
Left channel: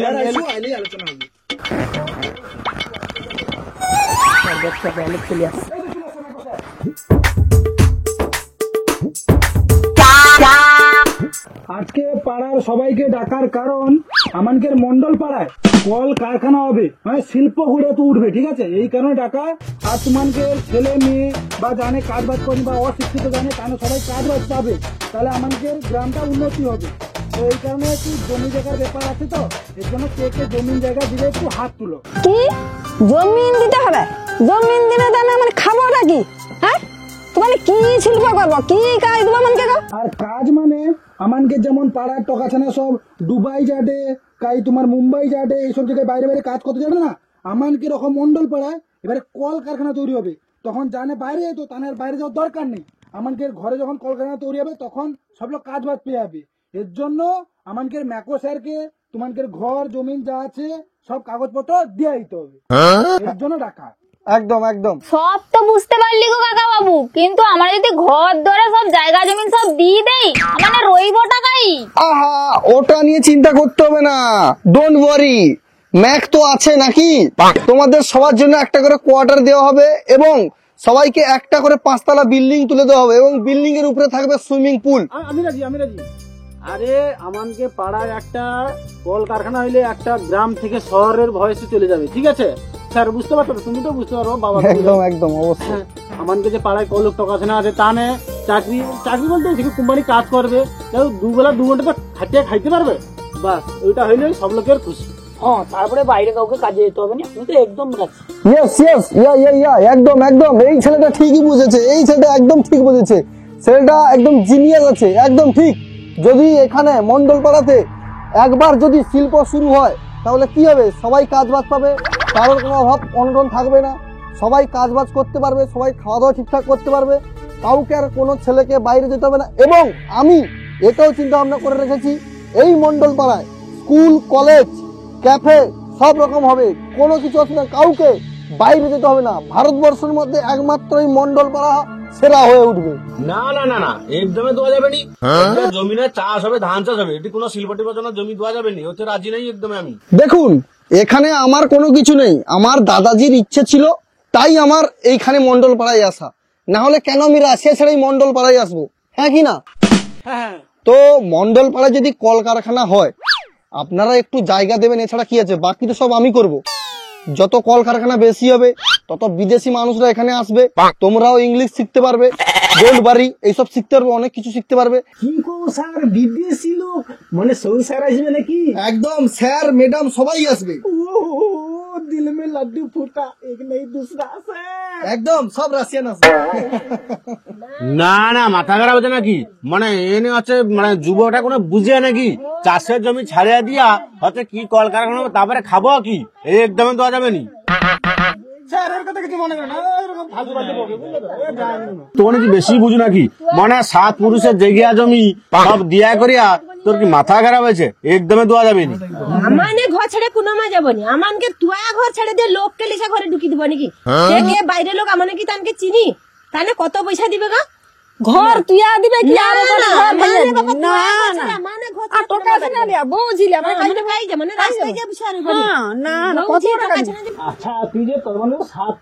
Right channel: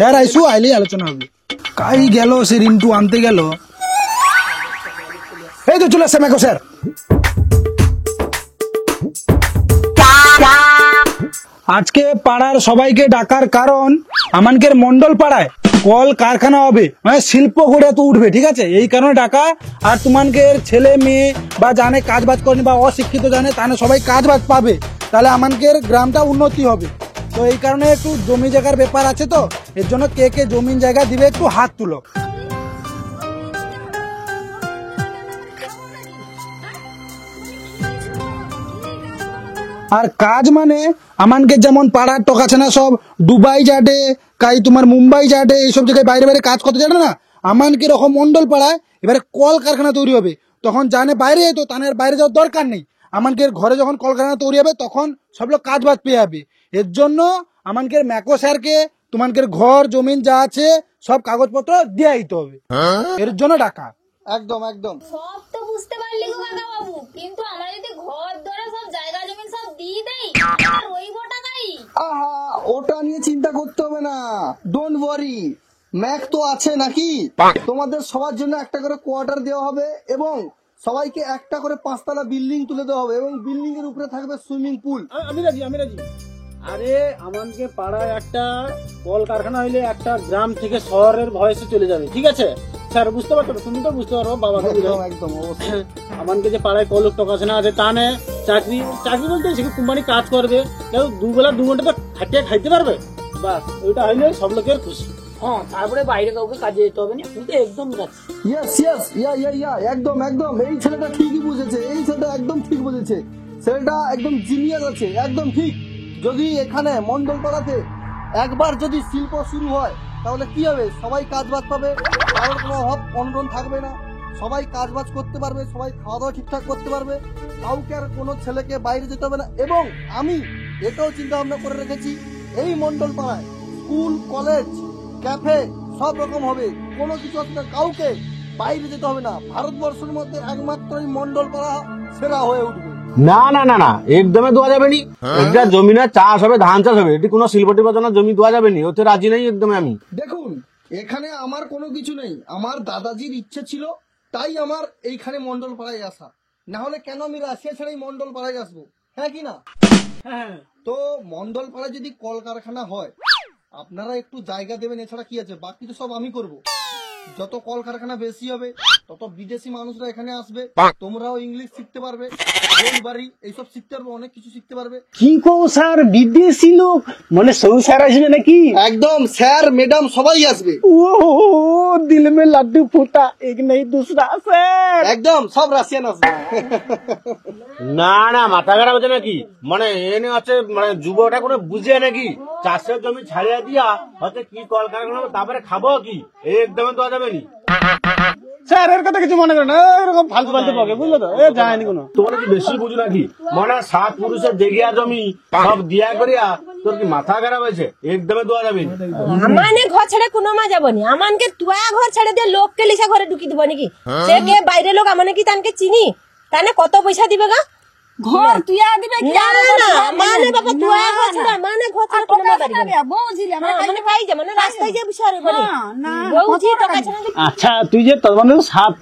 স্যার আইসু আইলেই আলোচনা হবে। কাই গেল সে রিন্টু আনতে গেল, এই তো চলে আসছে ম্যাকো স্যার। আজকে পাড়ার সবাইকে ডাকার কারণ, আমাদের মন্ডল পাড়ায় কল কারখানা হবে, মানে শিল্প গড়ে তো উঠবে, ঠিক আছে? এই কারণে ডাকা। আর তোমাদের ছেলে মেয়ে বা জানে কাজ বাজ করেনি বা অশিক্ষিত জানে, তাহলে সবাই কাজ বাজ পাবে, তাহলে আমাদের গ্রামটা উন্নতি হবে। তো এই কারণে একটু জমি জায়গার ব্যাপার আছে, তো এর জন্য কে কে জমিন জায়গা দিবে একটু হাত তুলো। কি জমিন দিতে হবে? জমিন দিলে তাহলে মানে খাবোটা কি? হ্যাঁ, তোমার কি শিল্প করবো, কি কাজ দেবো আমাকে? আর কাজ মানে আমানকে যেমন পাড়ার টক আছে না, সব দুবাই যাটে, কাই তোমার মুম্বাই যাটে, এইসব জায়গায় বাইরে বাইরে কাজ করতে জানে না, আমানকে এরকম মন্ডল পাড়ায় এবারে কল কারখানা তৈরি হবে, তখন জানে বাইরে, তো তানের বাইরে যাওয়ার দরকার নেই। আমানকে ঘরে যখন কলকারখানা তৈরি হবে, তখন সব লোক কাজ বাজ পেয়ে যাবে। এর জন্য আমানকে ম্যাকো স্যারকে তোমাদের ঘর জমিন যা আছে সব কাগজপত্র দিয়ে দিতে হবে, এর জন্য ডাকা। একদম একদম, সব তো বুঝতে পারলি গো কাকা বাবু, কিন্তু আমরা যদি ঘর ধরে সব জায়গা জমিন সব দিয়ে দেই, মানে রইব টাকাই। আহা ওটা নিয়ে চিন্তা করতে হবে না, ডোন্ট ওয়ারি, ম্যাক তো আছে নাকি, তোমাদের সবার জন্য একটা করে কোয়ার্টার দেওয়া হবে, এবং সবাইকে একটা করে 5 তলা বিল্ডিং তুলে দেওয়া হবে, এবং বিল্ডিং এর উপরে থাকবে সুইমিং পুল। আমি রাজি, আমি রাজি। আরে আমাকে পাড়ায় একটা কলকারখানা হইলে একটা গ্রাম থেকে শহরের ভয়েসে চলে যাবে, ঠিক আছে স্যার? বুঝতে পারছো, তুমি তো বুঝতে পারবো বাবা। একদম একদম অবশ্যই। আমাদের যে পাড়ায় কলক টকাশনা আছে টানে চাকরি চাকরি বলতে সেখানে কোম্পানি কাজ করবে, কেউ দুবেলা 2 ঘন্টা তো খাটিয়ে খাইতে পারবে, বাস ওইটা হইলে সব লোকের খুশি। হ্যাঁ, তারপরে বাইরে কাউকে কাজে যেতে হবে না, তুমি তো একদম যাচ্ছি। ইয়েস ইয়েস ইয়া একদম একদম এই ছেলেটা ঠিকই বুঝেছে, এই ছেলেটা একদম ঠিক বুঝেছে, ছেলেটা একদম জিনিয়াস আছে, একদম ঠিক। যদি এখানে মন্ডলপাড়াতে একবার যদি শিল্প শুরু হয় তাহলে কি হবে, সবাই কাজ বাজ পাবে, কারোর কোনো অভাব অনটন থাকবে না, সবাই কাজ বাজ করতে পারবে, সবাই খাওয়া দাওয়া ঠিকঠাক করতে পারবে, কাউকে আর কোনো ছেলেকে বাইরে যেতে হবে না। এবং আমি এটাও চিন্তা ভাবনা করে রেখেছি, এই মন্ডলপাড়ায় স্কুল কলেজ ক্যাফে সব রকম হবে, কোনো কিছু অসুবিধা, কাউকে বাইরে যেতে হবে না। ভারতবর্ষের মধ্যে একমাত্র এই মন্ডলপাড়া সেরা হয়ে উঠবে। না না না না, একদমই দেওয়া যাবে নি। একটা জমিনে চাষ হবে, ধান চাষ হবে, এটি কোনো শিল্প টিল্পের জন্য জমি দেওয়া যাবে নি, ওতে রাজি নেই একদমই আমি। দেখুন, এখানে আমার কোনো কিছু নেই, আমার দাদাজির ইচ্ছে ছিল তাই আমার এইখানে মন্ডলপাড়ায় আসা, না হলে কেন আমি রাশিয়া ছেড়েই মন্ডলপাড়ায় আসবো, হ্যাঁ কি না? তো মন্ডলপাড়ায় যদি কলকারখানা হয় আপনারা একটু জায়গা দেবেন, এছাড়া কি আছে, বাকি তো সব আমি করব। যত কলকারখানা বেশি হবে তত বিদেশি মানুষরা এখানে আসবে, তোমরাও ইংলিশ শিখতে পারবে, গোল্ড বাড়ি এইসব শিখতে পারবে, অনেক কিছু শিখতে পারবে। কি কো স্যার, বিদেশি লোক মানে সৌ স্যার আসবে নাকি? একদম স্যার ম্যাডাম সবাই আসবে। ও দিল মে লাড্ডু ফুটা এক নেই দুসরা স্যার। একদম সব রাশিয়ান আসবে। না না, মাথা খারাপ হচ্ছে নাকি? মানে এনে হচ্ছে মানে যুবকটা কোনো বুঝে নাকি? চাষের জমি ছাড়িয়ে দিয়া হচ্ছে কি কলকারখানা হবে, তারপরে খাবো কি, একদমই দেওয়া যাবে নি। স্যার এর কথা কিছু মনে করে না, এরকম ফালতু ফালতু বকে, বুঝলো তো? এ যায়নি কোনো। তোর কি বেশি বুঝু নাকি? মানে 7 পুরুষের জেগিয়া জমি সব দিয়া করিয়া তোর কি মাথা খারাপ হয়েছে? একদমই দেওয়া যাবে না। আমানে ঘর ছেড়ে কোনো মা যাব না, আমানকে তুয়া ঘর ছেড়ে দিয়ে লোককে লিসা ঘরে ঢুকি দিব নাকি? দেখে বাইরে লোক আমানে কি তানকে চিনি, তানে কত পয়সা দিবে গা? ঘর তুইয়া দিবে কি? না না মানে বাবা তুয়া ঘর ছাড়া মানে ঘর ছাড়া টাকা ছাড়া দিয়া বুঝিলে মানে কাইতে ভাই যে মানে রাস্তায় যে বিষয় করি না বউজি টাকা ছাড়া দিবে। আচ্ছা তুই যে তোর মানে 7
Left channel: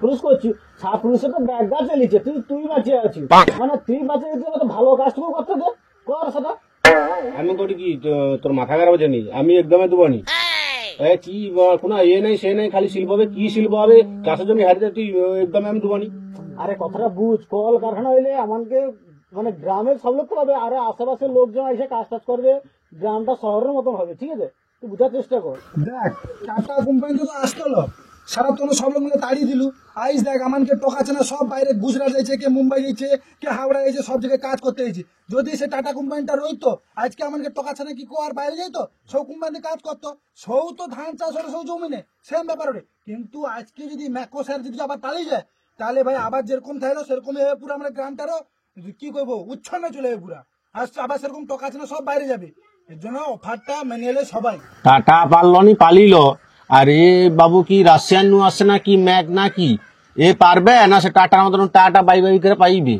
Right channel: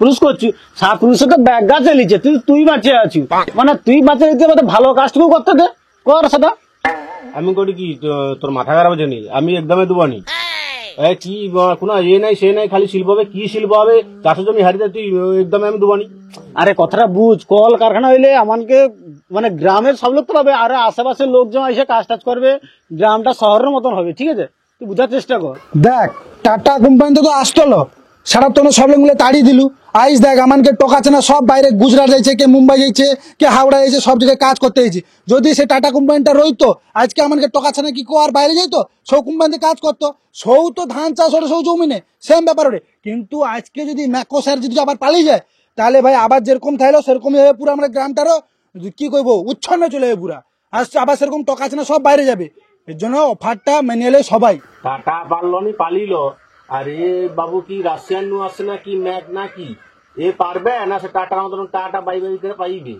পুরুষ করছিস, 7 পুরুষে তো ব্যাগ গা চালিয়েছে, তুই বাঁচিয়ে আছিস, মানে তুই বাঁচিয়ে দিতে মানে ভালো কাজটুকু করতে দে, কর সেটা। আমি করি কি, তোর মাথা খারাপ হচ্ছে নি? আমি একদমই দেবো নি। কি কোনো ইয়ে নাই সে নাই, খালি শিল্প হবে, কি শিল্প হবে, চাষের জমি হারিয়ে তুই একদমই আমি দেবো নি। আরে কথাটা বুঝ, কল কারখানা হইলে আমাকে মানে গ্রামের সব লোক তো পাবে, আর আশেপাশের লোকজন এসে কাজ টাজ করবে, গ্রামটা শহরের মতন হবে, ঠিক আছে? তুই বুঝার চেষ্টা কর। দেখ টাটা কোম্পানি তো আসতলো, সারা তো সব লোক মিলে তাড়িয়ে দিলু। আইস দেখ আমাকে টকাচ্ছে না, সব বাইরে গুজরাট যাইছে, কে মুম্বাই যাইছে, কে হাওড়া যাইছে, সব জায়গায় কাজ করতে হয়েছে। যদি সে টাটা কোম্পানিটা রইতো আজকে আমাকে টকাচ্ছে না কি কো আর বাইরে যাইতো, সৌ কোম্পানিতে কাজ করতো, সৌ তো ধান চাষ ওটা সৌ জমিনে সেম ব্যাপার ওরে। কিন্তু আজকে যদি ম্যাকো স্যার যদি আবার পালিয়ে যায় তাহলে ভাই আবার যেরকম থাকলো সেরকমই হবে, পুরো আমরা গ্রামটারও কি করবো উচ্ছন্ন চলে যাবে পুরা, আসছে আবার সেরকম টকাচ্ছে না, সব বাইরে যাবে। এর জন্য অফারটা মেনে এলে সবাই। টাটা পারলো নি পালিল, আর এ বাবু কি রাশিয়ান নু আসছে না কি ম্যাক না কি, এ পারবে না? সে টাটা মতন টাটা বাই বাই করে পাইবে?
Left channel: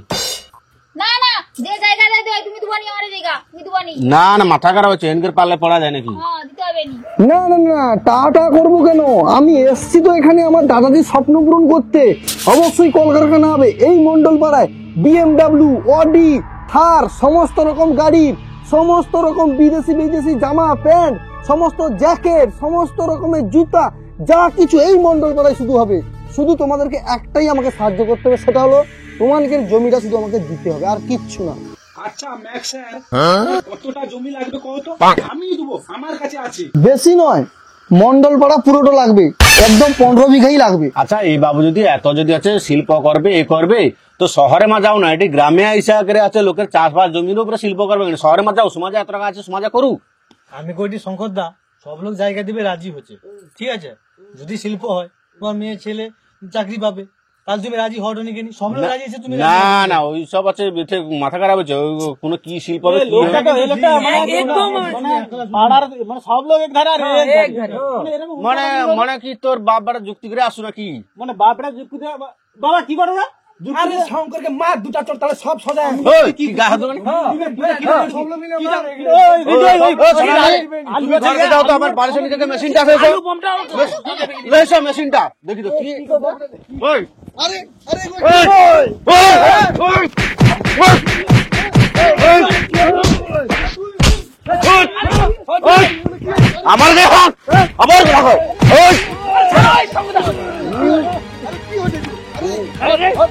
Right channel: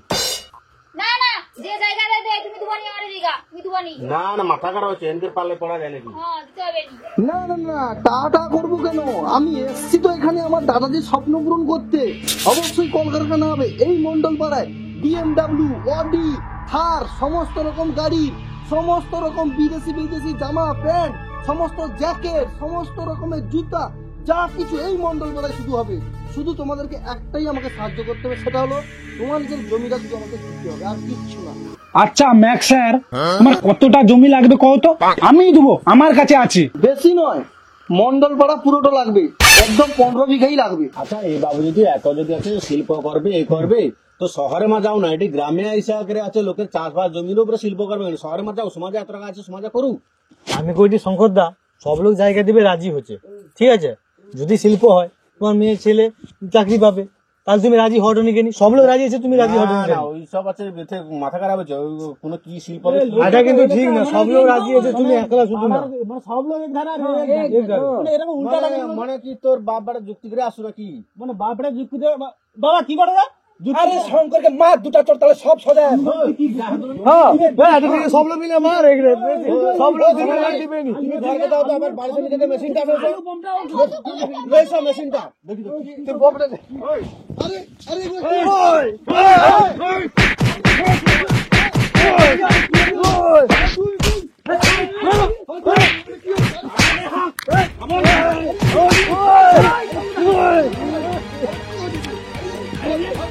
না না, যে জায়গা দিতে হয় তুমি দুবানি আমার জায়গা, তুমি দুবানি। না না, মাথা খারাপ হচ্ছে, এনকের পারলে পড়া যায় নাকি? হ্যাঁ, দিতে হবে নি। না না না, টাটা করবো কেন? আমি এসছি তো এখানে আমার দাদাজির স্বপ্ন পূরণ করতে, অবশ্যই কলকারখানা হবে এই মন্ডলপাড়ায়। BMW, অডি, থার, সমস্ত রকম গাড়ি, সমস্ত রকম বিদেশি জামা প্যান্ট, সমস্ত জ্যাকেট, সমস্ত রকমের জুতা, যা কিছু এই মন্ডলপাড়ায় শুধু হবে। শুধু তোমাদেরকে একটাই আমাকে সাহায্য করতে হবে, সেটা হলো তোমাদের জমিটা শুধু আমাকে দিতে হবে, আর কিচ্ছু না। আচ্ছা ম্যাক স্যার, আমার কতটা জমি লাগবে কত? আমি দেবো, আমার কাছে আছে। বেশি নয়, মন্ডলপাড়া পুরোটা লাগবে, একদম 15 বিঘাই লাগবে। আচ্ছা এই বাবু যদি এত যদি আছে শিল্প করবে এ করবে, তো শহরে মা যাও না, এটি গ্রামে আইসা করে আছে লোকের চাষবাস জমির উপরে শিল্প করবে, শহরে মা যাও, সমাজে এত টাকা আছে সমাজে করুক। আমি কইটি শঙ্কর দা সব লোক জায়গা দিবে রাজি হচ্ছে, ঠিক আছে? যদি শিল্প হয় তোমার মেয়ে ছেলে চাকরি পাবে, তাহলে তুমি রাজি হও নি কেন? সব লোক রাজি আছে, তুমি রাজি না হও না, ওই সব আছে মাথা খারাপ হচ্ছে, ওই কোনো কি শিল্প হবে কি মানে সব লোক এক ধারে, মানে মানে কি তোর বাপ বেটা যুক্তি করে আসো নাকি? মানে বাপটা যুক্তি দেবে। বাবা কি করে আরে শঙ্করকে মার দুটা চোর, তাহলে সব সোজা। কি গা হাত ধরে? সব লোক মিলে মার এগুলো। তুমি ঘরে যাও তো, আমার বাড়ির সামনে থেকে মেশিনটা আছে, এসো মেশিনটা দেখি তো কি। ওই আরে আরে ওই ওই ওই আমার গায়ে হাত, আমার গায়ে হাত। আমার গায়ে হাত।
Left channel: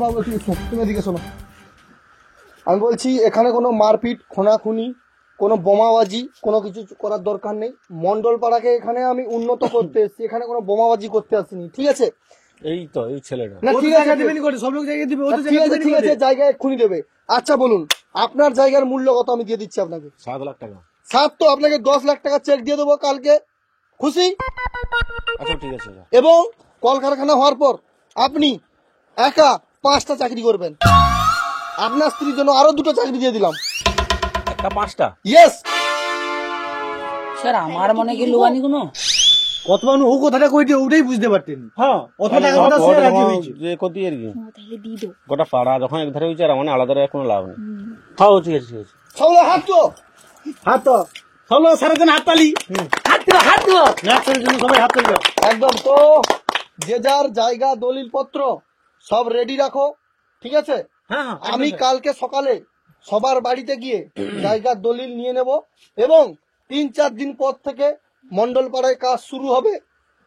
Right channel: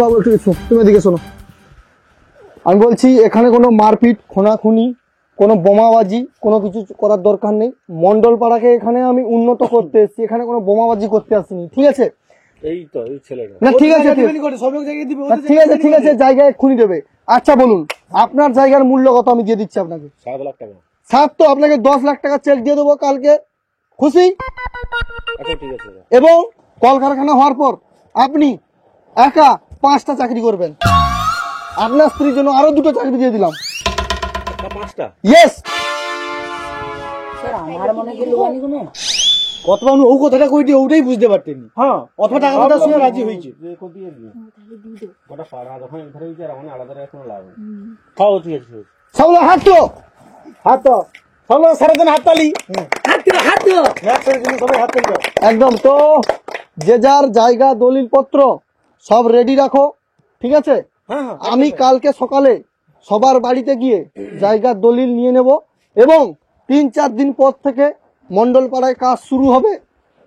বাবু একটু এসো, তুমি এদিকে শোনো। আমি বলছি এখানে কোনো মারপিট, খুনাখুনি, কোনো বোমাবাজি কোনো কিছু করার দরকার নেই। মন্ডল পাড়াকে এখানে আমি উন্নত করতে এসেছি, এখানে কোনো বোমাবাজি করতে আসিনি, ঠিক আছে? এই তো এই ছেলেটা না ঠিক আছে, ঠিক আছে, জায়গায় এক্ষুনি দেবে। আচ্ছা বলুন, আপনার জায়গার মূল্য কত আমি দিয়ে দিচ্ছি আপনাকে? 7 লাখ টাকা। 7 তো আপনাকে 10 লাখ টাকা চেক দিয়ে দেবো কালকে, খুশি? আচ্ছা ঠিক আছে। এবং কলকারখানা হওয়ার পর আপনি একা 5টা চাকরি করবেন। আপনার স্ত্রীর জন্য আরো 2টো চাকরি দিয়ে দিলাম। 5টা? ইয়েস। স্যার আমার মনে কি লোহানি কোনো কত মানুষ ও কথাটা কইছে ওটাই বুঝতে পারতেন। হ্যাঁ কথাটা আমরা শুনে রাজি হয়েছে। যে কতি আর কি গোটা পাড়া যখন এক ধারে হয়েছে আর মানে আলাদা কোনো লাভ নেই। হ্যাঁ ঠিক আছে, ঠিক আছে। সব হাত তো হাত তো চলো সারাদিন হাত তালি, হাত দিল সবাই হাত তালি। একদম। তো যে যার জায়গা দলিল পত্র সব রেডি রাখো, ঠিক আছে? আমি কালকে সকালে সবার বাড়িতে গিয়ে জায়গার দলিল নিয়ে নেব এবং 3-4 দিন পর থেকে মন্ডল পাড়ায় কাজ শুরু হবে,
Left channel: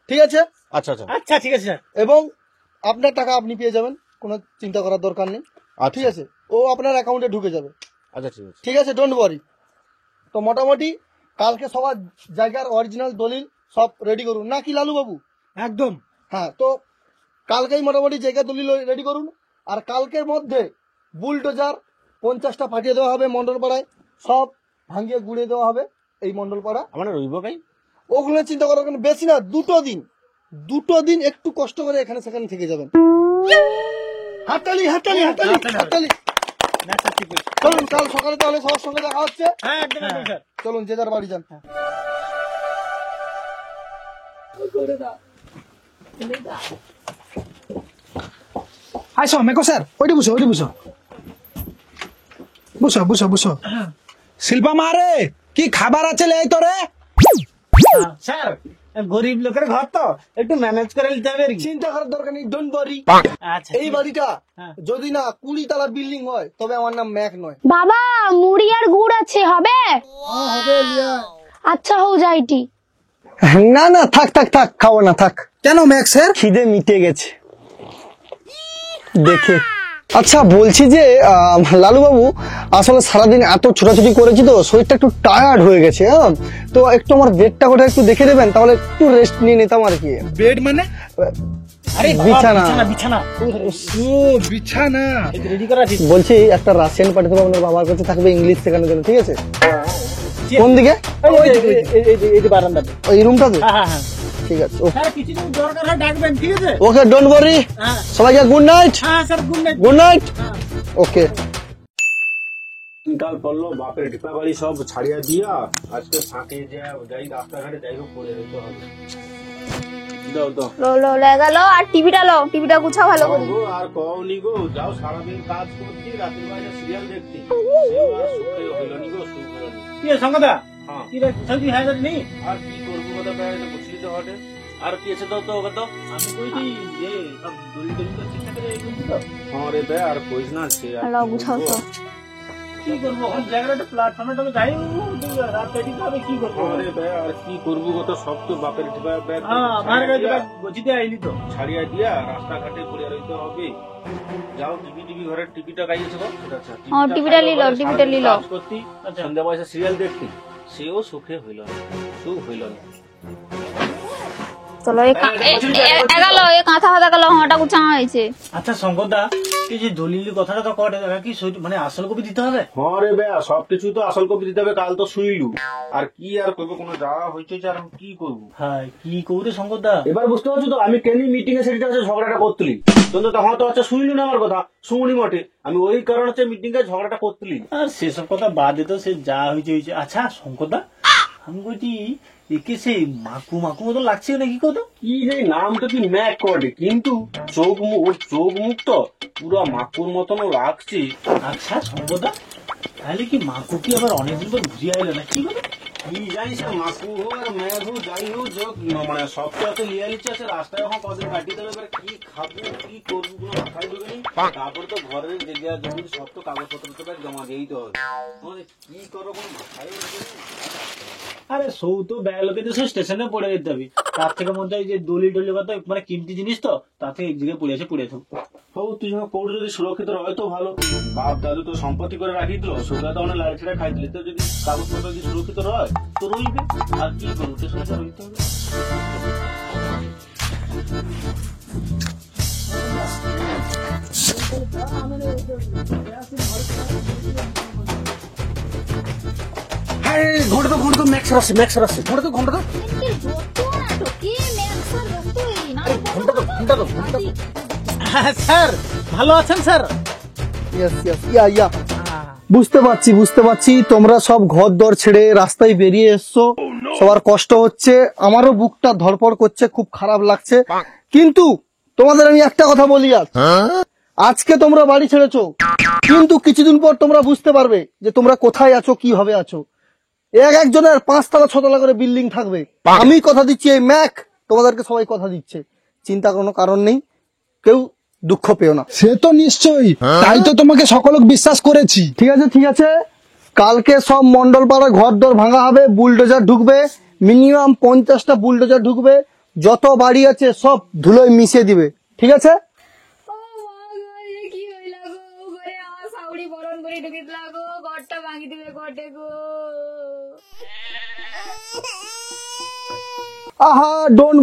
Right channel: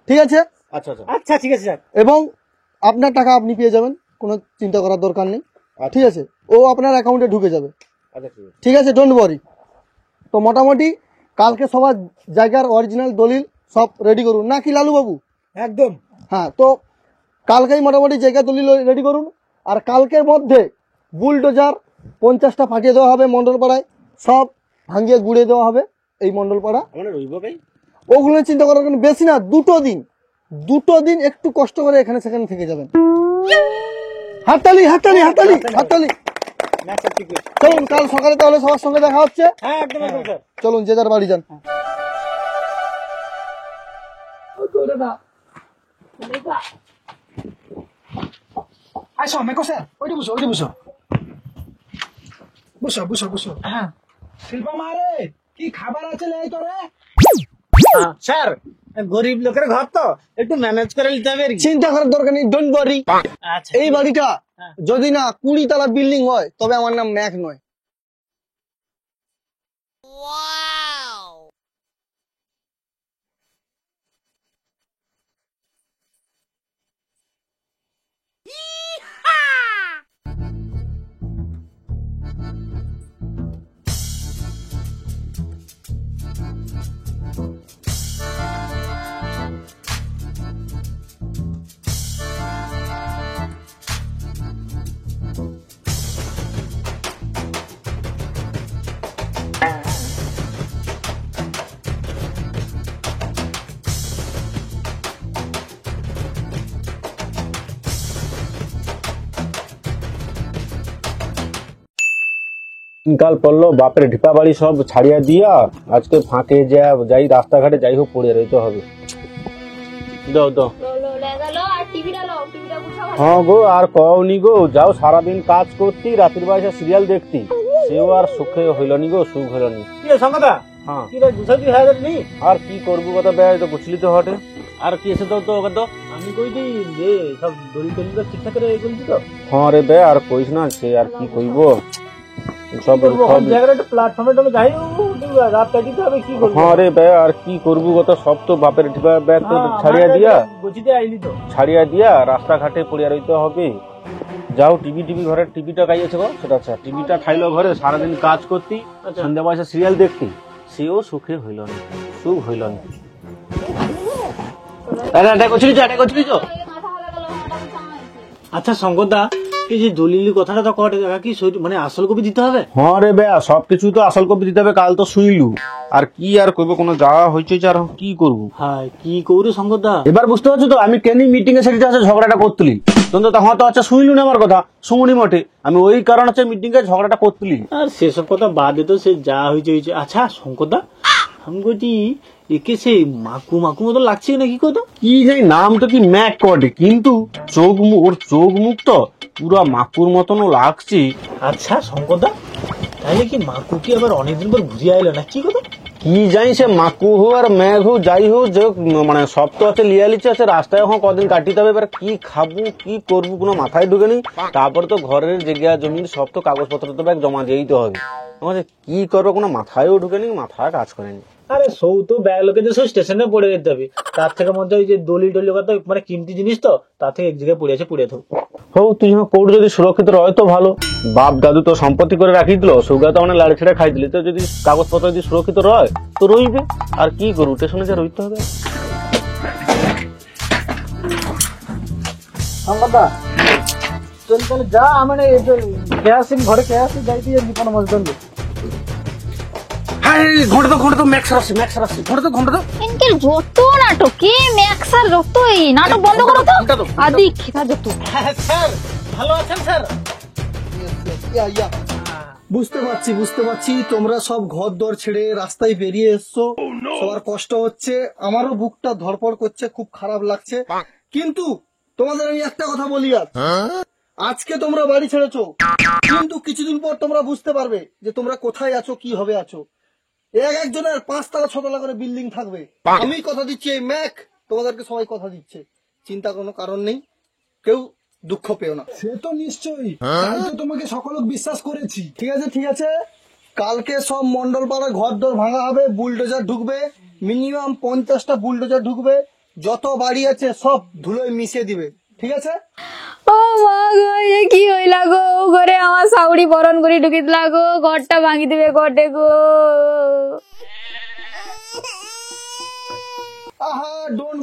ঠিক আছে? আচ্ছা আচ্ছা আচ্ছা ঠিক আছে স্যার। এবং আপনার টাকা আপনি পেয়ে যাবেন, কোনো চিন্তা করার দরকার নেই, ঠিক আছে? ও আপনার অ্যাকাউন্টে ঢুকে যাবে, আচ্ছা ঠিক আছে। ঠিক আছে? Don't worry. তো মোটামুটি কালকে সবার জায়গার অরিজিনাল দলিল সব রেডি করুন, নাকি লালু বাবু? একদম। হ্যাঁ, তো কালকেই মোটামুটি জায়গা দলিল রেডি করুন। আর কালকের মধ্যে বুলডোজার 50টা পাঠিয়ে দেওয়া হবে মন্ডল পাড়ায়, সব ভাঙিয়ে গুড়িয়ে দেওয়া হবে এই মন্ডল পাড়া। আমরা রইব ভাই, ওগুলো চিন্তা করার কোনো বেশি না, 2 দিন একটু কষ্ট করে এখানে সেখানে থেকে যাবেন। হাততালি হাততালি হাততালি হাততালি। চলুন, কাল সকালে তাহলে সবার সঙ্গে দেখা হচ্ছে। হ্যাঁ একদম একদম স্যার। চলুন, যে যার বাড়ি যান। আসো মেকো স্যার, ওইটি বসো, ওইটি বসো, বসো বসো বসো। শিল্পা মারে কি খাবার আছে লে তোরে? স্যার গরিব লোকের ঘর তো একটু ম্যানেজ করে নিতে হবে আর কি। চিন্তা করার দরকার নেই, ডোন্ট ওয়ারি। আচ্ছা এই বাড়িটা যদি না 20 তলা বিল্ডিং হয় তবে আমার নাম ম্যাক নয়। বাবা মুড়ি আর গুড় আছে, হবে? আচ্ছা হও যাইটি। না না, থাক থাক থাক, খাবো না, থাক। কেন ম্যাক স্যার? খিদে মিটে গেছে দেখে। আচ্ছা বলছি যে লালু বাবু, আসলে সারাদিন এত ছোটাছুটি করেছি তো শরীরটা একটু টায়ার্ড হয়ে গেছে। হ্যাঁ, তো একটু আমার বেডটা কোথায় একটু দেখে দেবেন, তাহলে একটু রেস্ট নিয়ে নিতাম আর কি। বেড মানে? আরে বিছানা। বিছানা ও বিছানা রেডি করা আছে। বলছি একটা রাশিয়ান পাঠিয়ে দেবো, আপনার বাবার কাছে থাকবে ইংলিশ শেখানোর জন্য, ঠিক আছে? কোন দিকে? এই বারান্দা। ওই রুমটাতে? হ্যাঁ হ্যাঁ ঠিক আছে, স্যার কিছু দরকার হয় ডাকবেন, ঠিক আছে? Okay, don't worry. সবাইকে গুড নাইট। হ্যাঁ sir good night. Good night. Okay. কাল পড়লো বাপের ঢিপা বাড়ি সব ছাড়িয়া দিয়া আজকে ফাঁকে যাই রাস্তাঘাটে যাই হোক পড়ে রইতে হবে। দাও দাও। লো গেল আর টিভিটা গুছাও ভালো। হ্যাঁ গো, আর কওনি গো, যাও সারাদিন কাজ করতি, রাতের বেলা সিরিয়াল দেখতি, সেও আর সুখে হইল নি গো, সুখ হইল নি। কি সঙ্গদা? হ্যাঁ, কি রে গুছাইছি হ্যাঁ নি? আর কি করবো কথা ব্যয় তো বুঝলি তো হটে। আর কি এসে তো ওকে তো আমি কইছি যে সব দড়ি টড়ি তো ঠিকঠাক করে রেখেছি তো। হ্যাঁ রে ব্যয়, আর কইস না, সে আর কি করবো সব জায়গাটা একটু প্ল্যাটফর্মে তো যাই রাত কাটিতে হবে, কি করবো? হ্যাঁ রে ব্যয়, আর কি করবো কথা, সব তো বাপের ঢিপা ব্যাগ তো ছাড়িয়া দিয়া বুঝিতে আইলি তো। ছাড়িয়া দিয়া রাস্তাঘাটে পড়িয়া রইতে হবে। যাও টিভি ঘরের টিভিটা গাইয়েছে গো, সেটা আচ্ছা টিভিটা খাইলো ঘরে সারাদিন কাজ করতি, সন্ধ্যা বয়সে সিরিয়াল দেখতি, সেও সুখে হইল না, সুখ হইল না। আচ্ছা শঙ্করদা, এই যে দলিলের কথাটা তো কটে কি মানে আসল কপি দিতে হবে? হ্যাঁ রে ব্যা, সবকিছু তো আসল কপি দিতে হবে। কাল তো শুইলু, আর কি আর করবো, কোনো যাওয়া হয়েছে আর কি করবো। হ্যাঁ কি করবো শঙ্করদা? এবার বুঝতে পারছো তো আমি কেন মিটিং এ সেটা আছে ঝগড়াটা করতুলি। তখন তো হয়তো আচ্ছা শুইলু না আমার কথা, শুনি মোটে, আমি ওই কারণ হচ্ছে মিটিং এ ঝগড়াটা করতুলি। আর সেসব কথা বাদে তো সে যা হয়েছে হয়েছে। আচ্ছা শঙ্করদা, আমি বলছি একে সেই মাকু মাকু মতো লাগছে নাকি কত? কি যে নাম তো কি ম্যাক কটে, কিন্তু চোখ মুখ, ওর চোখ মুখ তো পুরো মাকুর মতনও লাগছে। আচ্ছা শঙ্করদা, তাহলে কি মাকু কি আবার অনেকদিন পর ঘুরে আইলো না কি কথা? কি জানি সে মাকু হো আর ম্যাঘ হো যাই হোক, যে মানে সব তো আছে লিয়ালিচ্ছে আছে, রাস্তায় এখন কদিন কাটিতে হবে, এবার কি খাবো কি করবো কোনো মাথায় ঢুকে নি। তারপর তো ঘরের জায়গা জমি সব তো কাগজপত্র তো ব্যাগ জমা দিয়েই তো হবে। আমাদের কি করবো কোনো মাথায়ও ঢুকে নি, মাথায় কাজ করে নি। আরে সৌ তো ব্যাগ লোকে যে সব স্টেশনে পড়ে যেতে হবে, তার থেকে মধ্যে ওই যে দলি টলি কথা মানে কিমতি জিনিস তো, তার থেকে এক জায়গায় পড়ে আছে পড়ে থাকো। হো তুই যখন কোর্ট যদি সুরক্ষিত রয় তো ভালো, বাপ দাদু তো সম্পত্তি করে রাখি দিল, সুগা তো অনেক লাড়ি ছেড়ে খাই দিলে, তো যদি কাগজপত্র যদি সুরক্ষিত রয় তো রইবে। আর কি করবো, স্টেশনে যে রইতে হবে। শঙ্করদা যা মানে কেয়াসিন ঘরে কেয়াসিন যাই দিয়ে দোকান মজদুর ইনকের যত নাটক কি ম্যাক্সার যত এই নাটক বন্ধ করো তো আদি খেতা যত। স্যার ভালো আছেন স্যার? বুঝতে পারছি তোমরা সব ঘর দর ছেড়ে রাস্তায় বেরিয়ে এসছো, সবার কষ্ট হচ্ছে, আমারও বুকটা ধড়পড় করছে, খুব খারাপ লাগছে। কিন্তু তোমাদের আমি একটা কথা বলি, আজকে তোমরা বাড়ি ছেড়েছো, কিন্তু কিছুদিন পর তোমরা বুঝতে পারবে যে তোমরা কোথায় আছো, কি হবে আছো। একজনের 5 তলা 6 তলা করে বিল্ডিং থাকবে। আমি কথা দিচ্ছি, এই ম্যাক তোমাদেরকে সবাই কথা দিচ্ছে, চিন্তা কোনো কারণ নেই, কেউ দুঃখ পেও না। সে তো নিশ্চয়ই, তাই তো তোমাকে সকলক বিশ্বাস করেছি। ঠিক আছে, কালকে সব মন্ডল পাড়া ঘর দর ভাঙা হবে, বুলডোজার ঢুকবে, মিনিমাম 50টা বুলডোজার ঢুকবে, যত বাড়ি আছে সব ধুলোয় মিশিয়ে দিবে, ঠিক আছে? ও মা গো, এ কি হইলা গো, ঘরে আমার সাউরি বরণ করে ঢুকি দিলা গো, ঘরটা ভাঙি দিবে ঘটে গো। আহা ডোন্ট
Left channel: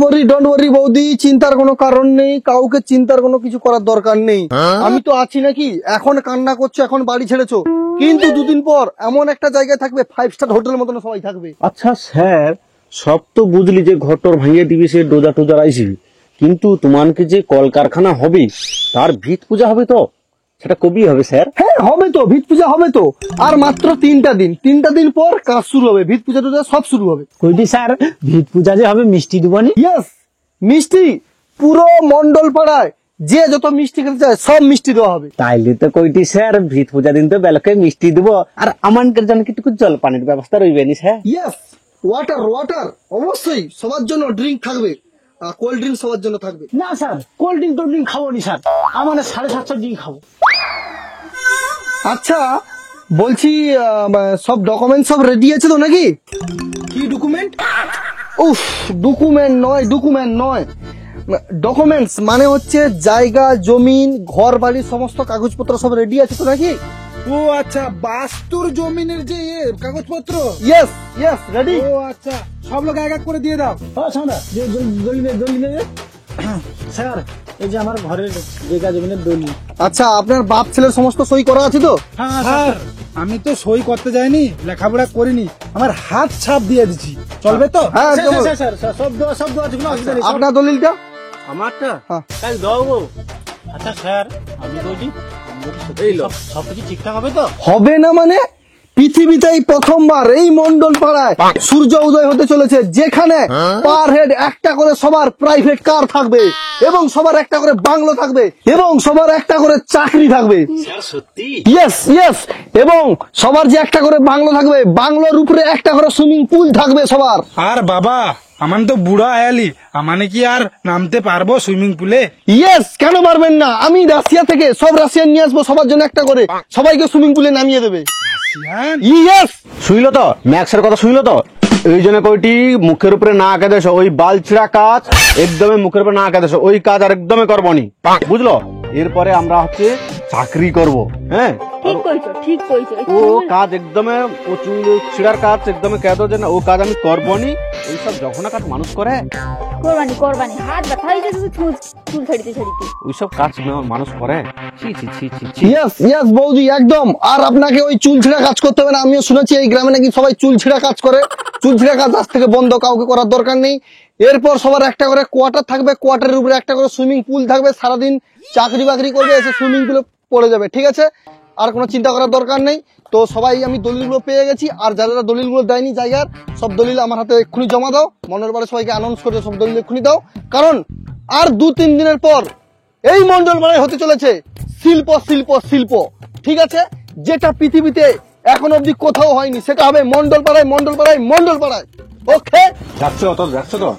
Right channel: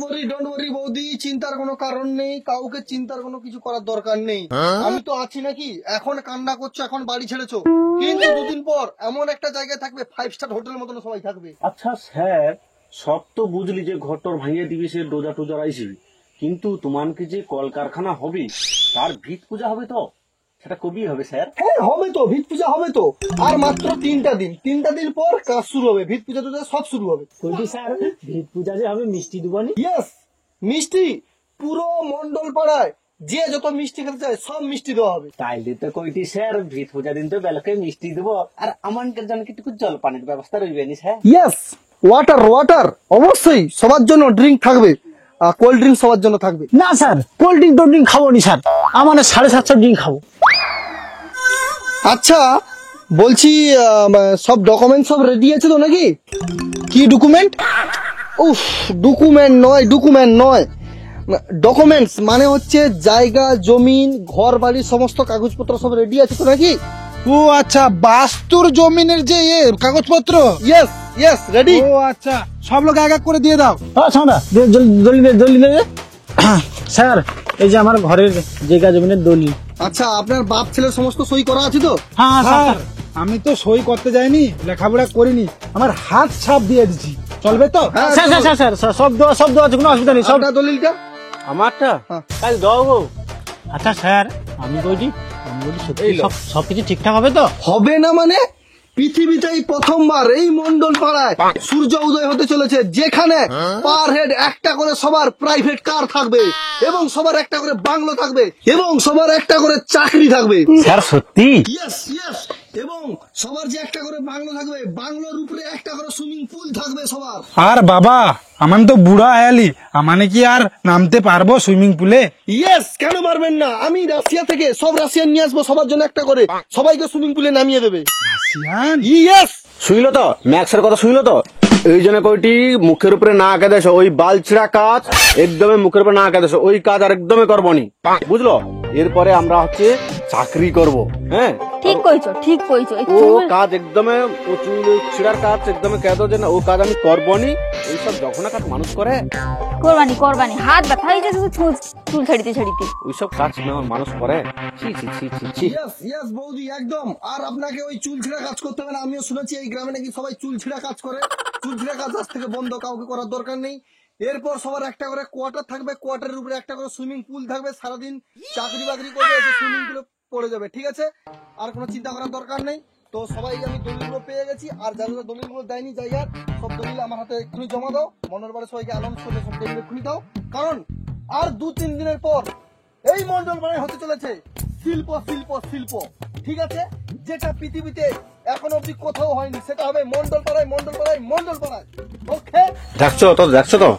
ওয়ারি বৌদি, চিন্তার কোনো কারণ নেই, কাউকে চিন্তার কোনো কিছু করার দরকার নেই। আমি তো আছি নাকি, এখন কান্না করছো, এখন বাড়ি ছেড়েছো, কিন্তু 2 দিন পর এমন একটা জায়গায় থাকবে, 5 স্টার হোটেলের মতন সবাই থাকবে। আচ্ছা স্যার, সব তো বুঝলি যে ঘরটর ভাঙিয়ে দিবি, সে ডোজা টোজা আইসি, কিন্তু তোমাকে যে কলকারখানা হবে তার ভিত পূজা হবে তো, সেটা কবি হবে স্যার? হ্যাঁ হবে তো, ভিত পূজা হবে তো, আর মাত্র 3টা দিন পর কাজ শুরু হবে, ভিত পূজা টুজা সব শুরু হবে। কইটি স্যার ভিত পূজা যে হবে মিষ্টি দিবনি? ইয়েস, মিষ্টি পুরো মন্ডল পাড়ায় যে যত মিষ্টি খেতে চায় সব মিষ্টি দেওয়া হবে। তাইলে তো কইটি স্যার ভিত পূজা দিন তো বেলকে মিষ্টি দিব, আর আমানকের জন্য কি একটু জল পানির ব্যবস্থা রইবে নি স্যার? ইয়েস, ওয়াটার অবশ্যই সবার জন্য ড্রিঙ্ক থাকবে, কোল্ড ড্রিঙ্ক সবার জন্য থাকবে। না স্যার, কোল্ড ড্রিঙ্ক খাবো নি স্যার, আমার 750 ড্রিঙ্ক খাবো। আচ্ছা বলছি, সব ডকুমেন্ট সব রেডি আছে তো নাকি? কি ডকুমেন্ট? ডকুমেন্ট নয়, ডকুমেন্টস মানে হচ্ছে জায়গা জমিন ঘর বাড়ি সমস্ত কাগজপত্র সব রেডি আছে তো নাকি? ও আচ্ছা, বাস্তুর জমিনের যে কাগজপত্র। Yes ready. ও আচ্ছা, সব লোক এক এক করে দিয়ে দাও। জলদি দে স্যার, এই যে আমার ঘরের জায়গা জমিনের দলিল। আচ্ছা, আপনার বাপ ছেলের সমস্ত সই করা আছে তো? হ্যাঁ স্যার। আমি তো সই করতে যাইনি, লেখাপড়া করিনি, আমার হাত ছাপ দিয়ে দিছি, চলবে তো? হ্যাঁ স্যার সব দেওয়া আছে, কোনো অসুবিধা নেই। আপনার দলিলটা আমারটা কাল দেবো। আচ্ছা স্যার, আমি কইছি সবকিছু ঠিকঠাক হবে তো? হবে না মানে, পৃথিবীতেই প্রথমবার এই মন্ডল পাড়ায় সূর্য উদয় হতে চলেছে, যেখানে পার হেড একটা করে সবার প্রাইভেট কার থাকবে, এবং সবার একটা করে বাংলো থাকবে, এবং সবার একটা করে চাকরি থাকবে। স্যার সত্যি? ইয়েস, এবং সবার যে একটা করে বাংলো থাকবে, বাংলোর উপরে একটা করে সুইমিং পুল থাকবে সবার। আর বাবা, আমার তো বুড়া আয়ালি, আমানে কি আর নামতে পারবো সুইমিং পুলে? ইয়েস, কেন পারবেন না, আমি রাশিয়া থেকে সব রাশিয়ান নিয়ে আসবো, সবার জন্য একটা করে, সবাইকে সুইমিং পুলে নামিয়ে দেবে। ইয়েস, শুইলো তো ম্যাক্সের কথা, শুইলো তো? এই জন্য কইটি মুখের উপরে না আঁকে দেশ, ওই বাল ছিড়া কাজ একদমই মুখের উপরে না আঁকে দেশ, ওই কাজ আর একদমই করবনি, বুঝলো? এরপরে আমরা হচ্ছে চাকরি করব। হ্যাঁ ঠিক কইছো ও কাজ একদমই চুল ছিড়ার কাজ একদমই কেঁদো যে না, ও কাজ আমি করবনি। এইসব যখন কাজ মানুষ করে, করবানি হাত ব্যথা হয়ে গেছে চুল ছাড়িতে ওইসব কাজ মানুষ করে। ইয়েস বৌদি, একদম। আর আপনাকে ওই চুল ছিঁড়া কাজ করতে হবে না, আমিও শুনেছি এই গ্রামে নাকি সবাই চুল ছিঁড়া কাজ করে। চুল ছিঁড়া কাজ আজ থেকে বন্ধ, কাউকে করার দরকার নেই। এরপর সবার একটা করে কোয়ার্টার থাকবে, কোয়ার্টারের উপরে একটা করে সুইমিং পুল থাকবে, সারাদিন চাকরি বাকরি করবে, এসে সুইমিং পুলে পড়ে যাবে, ঠিক আছে? আর কোনো চিন্তা করার দরকার নেই। তো সবাই আমি দলিলগুলো পেয়ে গেছি, আর যারা যারা দলিলগুলো দেয়নি জায়গার সব দলিল আমার হাতে এক্ষুনি জমা দাও। মন্ডল পাড়ায় সবাইকে অ্যানাউন্স করে সব দলিল এক্ষুনি দাও, কারণ আর 2-3 দিনের পর এই মন্ডল পাড়ায় হতে চলেছে শিল্প শিল্প শিল্প। ঠিক আছে, যেটা পৃথিবীতে এখন অব্দি কোথাও হয়নি, সেটা হবে মন্ডল পাড়ায় মন্ডল পাড়ায় মন্ডল পাড়ায়। ওকে, দেখছো তো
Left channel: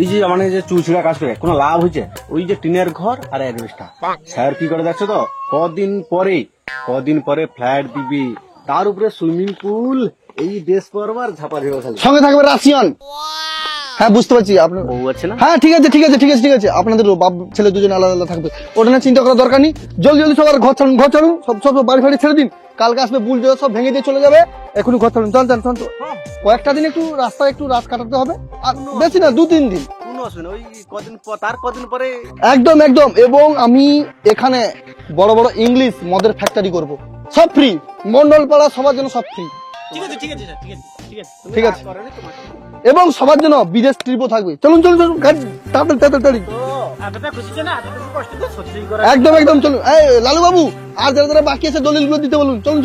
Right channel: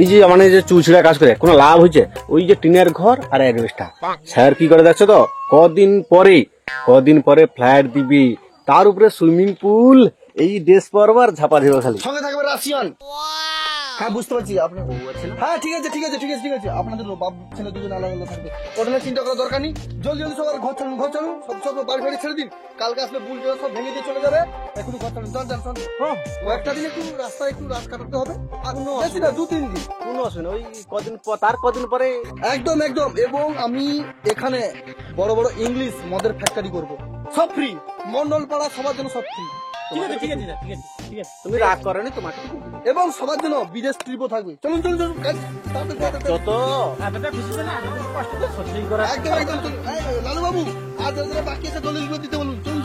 এই যে মানে যে চুল ছিঁড়া কাজ করে কোনো লাভ হয়েছে? ওই যে টিনের ঘর আর অ্যাডভেস্টার, স্যার কি করে দেখছো তো, কদিন পরে ফ্ল্যাট দিবি, তার উপরে সুইমিং পুল, এই ড্রেস পরবার ঝাপা দিব খালি, সঙ্গে থাকবে রাশিয়ান। হ্যাঁ বুঝতে পারছি আপনার। হ্যাঁ ঠিক আছে ঠিক আছে ঠিক আছে ঠিক আছে, আপনাদের বাপ ছেলে দুজন আলাদা আলাদা থাকবে, ওটা নিয়ে চিন্তা করার দরকার নেই। জলদি জলদি সবার ঘর ছাড়ুন সব বাড়ি ফাড়ি ছেড়ে দিন। কালকে আসবে বুল জল সব ভেঙে দিয়ে চলে যাবে, এখনই ঘর ছাড়ুন। চল কয়েকটা দিন একটু রাস্তায় একটু রাত কাটাতে হবে, আর বেশি না 2-3 দিন। কোনো অসুবিধা, ওই কদিন পরে একদম। এবং আমি এখানে বড় বড় ইংলিশ মদের ফ্যাক্টরি করব, সব ফ্রি, মন্ডল পাড়া সবার জন্য সব ফ্রি। ঠিক আছে এবং সবার জন্য বিদেশ ট্রিপও থাকবে। চলুন তাড়াতাড়ি। একদম চলুন। এই লালু বাবু আর যারা যারা বাকি আছে দলিলগুলো দিতে বলুন। চলুন।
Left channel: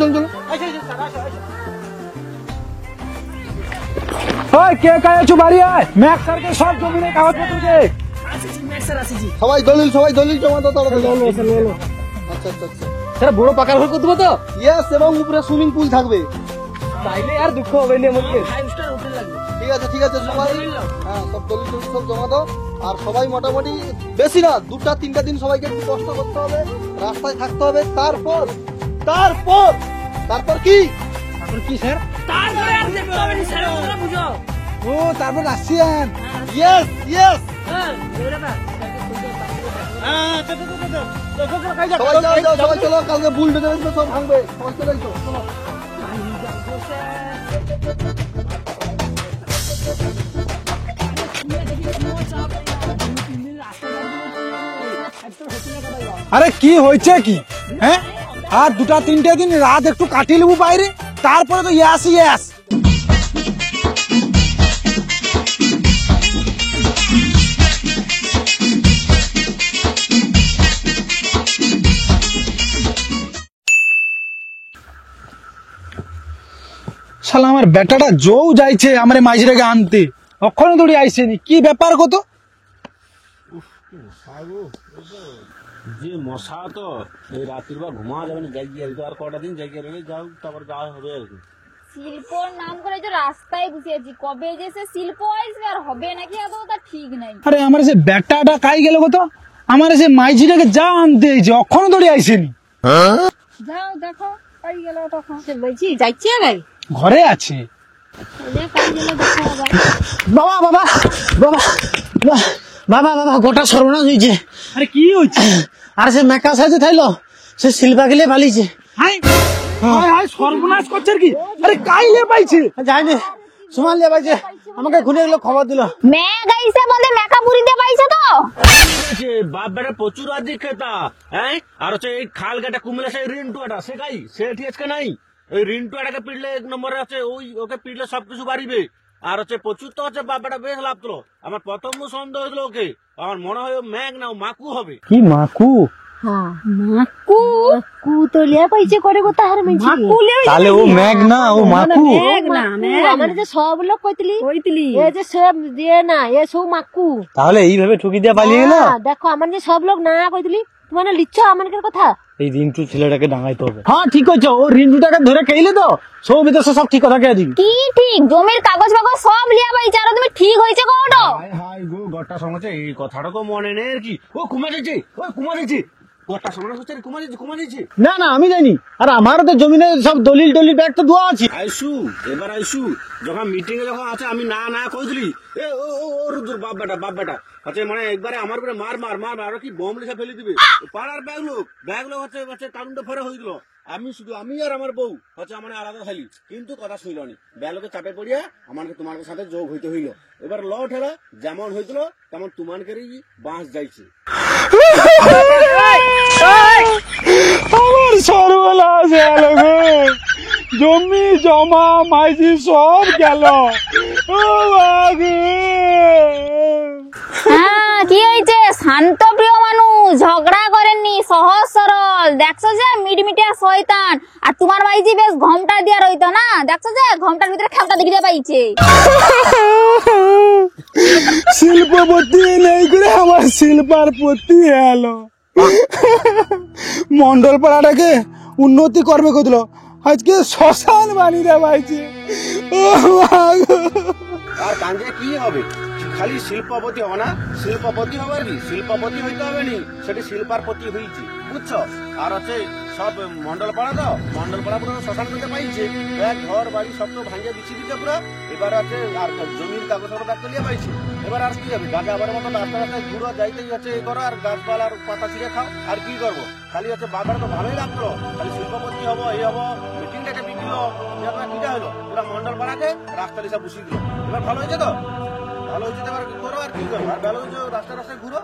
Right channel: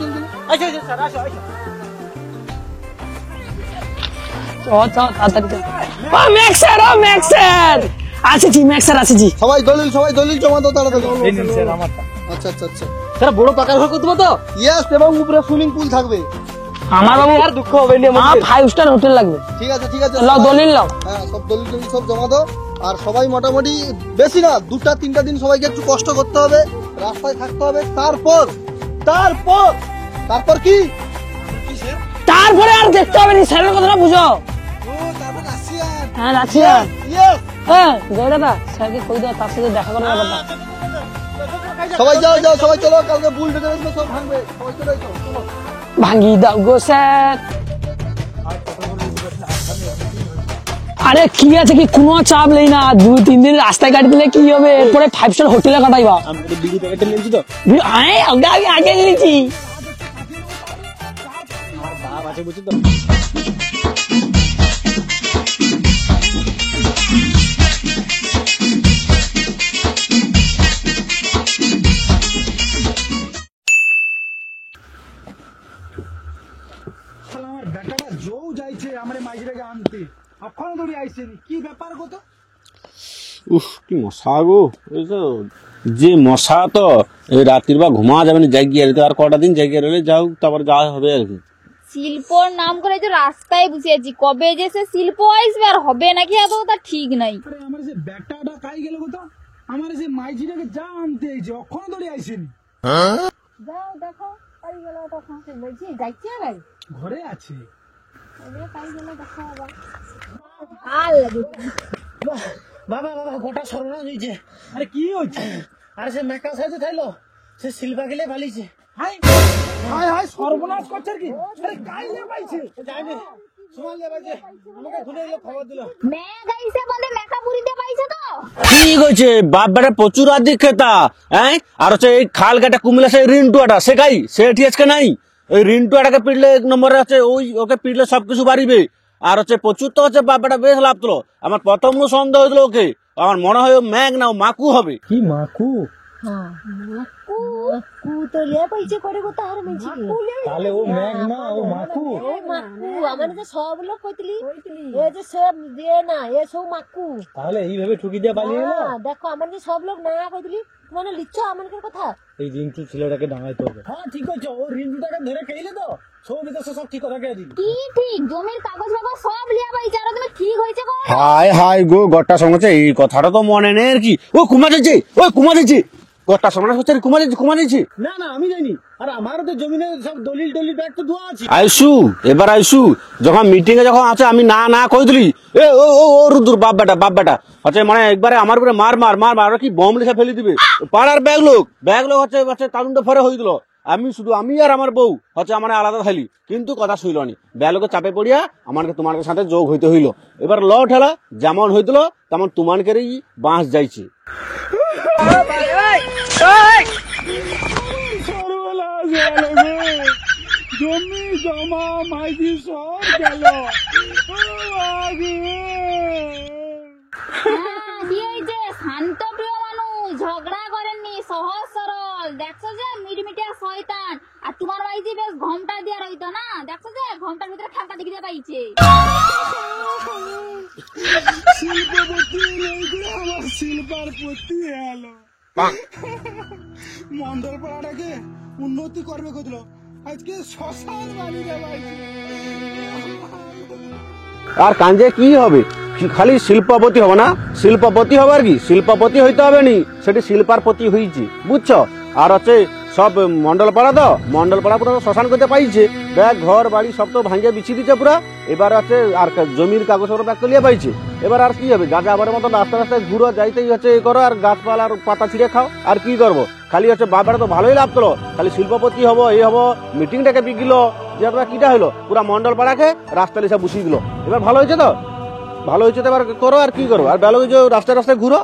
সবাই দলিল জমা দাও তাড়াতাড়ি। আচ্ছা বড় পাকা ঘর করতে তো? ইয়েস, এবং উপরে সুইমিং পুল থাকবে। আমার আর দুঃখ হবে না, আমার 5 স্টার হোটেল লাগবে। ঠিক আছে লাও দলিল লাও। হ্যাঁ সব দলিল সব জমা দাও। আর সবাই মোটামুটি বেশি না 2-3টা দিন সবাইকে একটু কষ্ট করতে হবে, রাস্তায় থাকতে হবে। তারপর কি স্যার? তারপরে আর দেখতে হবে না, স্যারের কথাটা বুঝো। ও তারপর রাশিয়ান। হ্যাঁ রাশিয়ান। ইয়েস। হ্যাঁ জয় দাদা, স্যারকে কই দাও, তার সাথে দেখা করার কথা। সবাই যাও সবাই চলো, কালকে বুল ডেকে সব ভাঙবে, সবাই চলে চলো। ভাঙি দাও গো স্যার। আরে কি আছে, কি কোনো চাপ নেই না, 2-3 দিন রাস্তায় গাড়ি দিলে কি হবে, এরপরে 5 স্টার হোটেলে কাটাইবা। আরে কি হয়েছে কি? আগে রাত একটু কাটিয়ে নেবো বাইরে, তারপরে তো ইয়াস। শালা আমার বেটাটা জৌ যাইছে আমার মাইজরাকে আনতে, অক্ষণ দৌড়ি আইসেনি, কি ব্যাপার কত? উফ কি মশা গো, যে মশা তো এই রাত্রির বা ঘুমা যাবে না, জাগিয়ে আর কটা দিন জাগিয়ে রইলে যাও, তারপর যাওয়া হবে আর কি। শিল্পর নাম করে যে রাস্তায় বসে আছি, কবে যে সে শিল্প আসবে আর হবে নাকি আদৌ তা ঠিক নাই। আরে আমার সে বেটাটা কাই গেল কত, আমার সে মাইজিটাকে যা আনতে হয়েছে, অক্ষণ দৌড়ি আইসেনি। যাও দেখো কাই গেল, তখন সে বলছি যাইছে আগে ঘরে আছে। বাবা গোটা সর্বনাশ হয়েছে। আরে কি হয়েছে? আর সে মেকা সাজে থাইলো, সে শিল্পা গেলে পালিয়েছে। সর্বনাশ করছে কি? আরে কাইলে পাইছে? যাইনি, সোমালিয়া পাইছে, আমাকে ঘুরে গেলো খবর দিল। মেঘ আইছে বলে মেকা পুরিতে পাইছে তো। ঠিক হয়েছে, বাপ বেটা প্রচুর আদিক খেতা। হ্যাঁ, আর হচ্ছে এই খাল কাটা কুমিল্লা সেই রিন্টুয়াটা, সে গাই সে ঠিক আছে নাই, ওই রিন্টুয়াটাকে পিটলে 1 নম্বরে আছে, ওকে পিটলে সবকিছু বাড়িবে। আর হচ্ছে প্রচুর তো হচ্ছে বাপ বেটা বেশ লাভ তুলো। আমার প্রথম সন্দেহ হয়েছিল ওকে, আমার মনে হয় মেঘ না মাকু হবে। কি মাকু? মাকু তো লিয়া পাইছে করে কথা হারে মাইছি। তাহলে ও মেঘ না, ও মাকু। আমার যে সব লোক কইতলি এ যে সব দিয়ে না, এ সব মাকু। তাহলে এইভাবে ঠুকি দিয়ে পালিয়ে গেল। দেখো আমার যে সব লোক না কইতলি, তোমার লিচ্ছ আমাদের কথা। এই রিন্টু ছেলেটাকে ডাঙাইতে হবে। হ্যাঁ ঠিক আছে, ও রিন্টুটাকে ধরে খাইলে তো সব বিদেশে সব ঠিক কথা কে দিবি। কি ঠিক, জমির কাগজ বাগজ সব লিয়া পাইছে, আর তুমি ঠিক হইছে কোন? হাই গো গট্টা সঙ্গে এই কথাটা তো মনে নেই আর কি। ও কুমা যাচ্ছে গট্টা সঙ্গে হচ্ছে কুমা যাচ্ছে। না আমি জানি, আর আমার তো জমিনে সব দলিল ব্যাগ তো দেওয়া আছে। আইসু যখন মিটিং এ যখন আছে আমি না কই দিলি, এ ও রুদুর বাপ বেটা আচ্ছা, মানে একবারে আমার উপরে মার কি বম লিখে ফেলে দিবে। পাড়ার ব্যাগ লোক হচ্ছে কারণটা ফরে হয়ে দিল। আমি আর আমার বউ হচ্ছে আমার আলাদা খাইলি, কিন্তু কথা শুইল নি, ব্যালোকে চাপে পড়িয়া আমাকে তোমার সাথে যোগ হইতে হইলো। এবার ল ঠেলা যেমন হইছিল তেমন তোমানকেই বাঁশ যাইছে। আমার সর্বনাশ হলো গো, জমি জমা মাইজি সব গেল। হ্যাঁ কি হয়েছে, শান্ত প্রিয় মানুষ ঝগড়া করেননি, সহজ সরল। দেখছো যে মিটমিটিয়া শয়তান। আর তোমার মাইজি বেশ ঘমটা দিয়া রইতো না, দেখছো যে ঘমটার ভিতরে খেলটা দেখিতে পাইছে। শিল্পপতি নেই করে আমার শিল্পার পতি এলো। মন্ডল পাড়াটাকে উন্নতি করবে কতলো, আজকে শ্মশান বানিয়ে পাইছে। আর কাঞ্জে কি হবে, খালি শিল্পপতি হবে না, শিল্পপতি হবে আর কি, শিল্পপতি হইতে হবে নি, সেটি শিল্পার প্রতি হয়েছে, বুঝছো। আর হচ্ছে সব মন্ডল পাড়া, তো মন্ডল পাড়া পুরো শ্মশান করতে পাইছে, ব্যাগ ঘর বাড়ি সব তো ভাঙিয়ে বিছিয়ে দিচ্ছে পুরা। এবার আছে আর জমির কাগজপত্র ব্যাগ লিয়ে পাইছে। এবার আর কি হবে, গাছ আবার মতো রাস্তা রাস্তায় ঘুরো, যাইতেই হচ্ছে এই করো, আর গাছপালা আর পাতা ছিঁড়ে খাও, আর কি করবো। খালি হচ্ছে বাবার তো ভালোই লাভ করো, খালি শিল্পপতি হবো, এই হবো, মিটিংটাকে বিকিল, যে আপনার কিটা হলো, পুরা মন্ডল পাড়াকে রাস্তা লিসা বসিয়ে দিল। এবার ভালো হয়েছে তো, ভালো হয়েছে তো, এবার করো আর কি করবো, আর ভালো হয়েছে রাস্তায় রাস্তায় ঘুরো।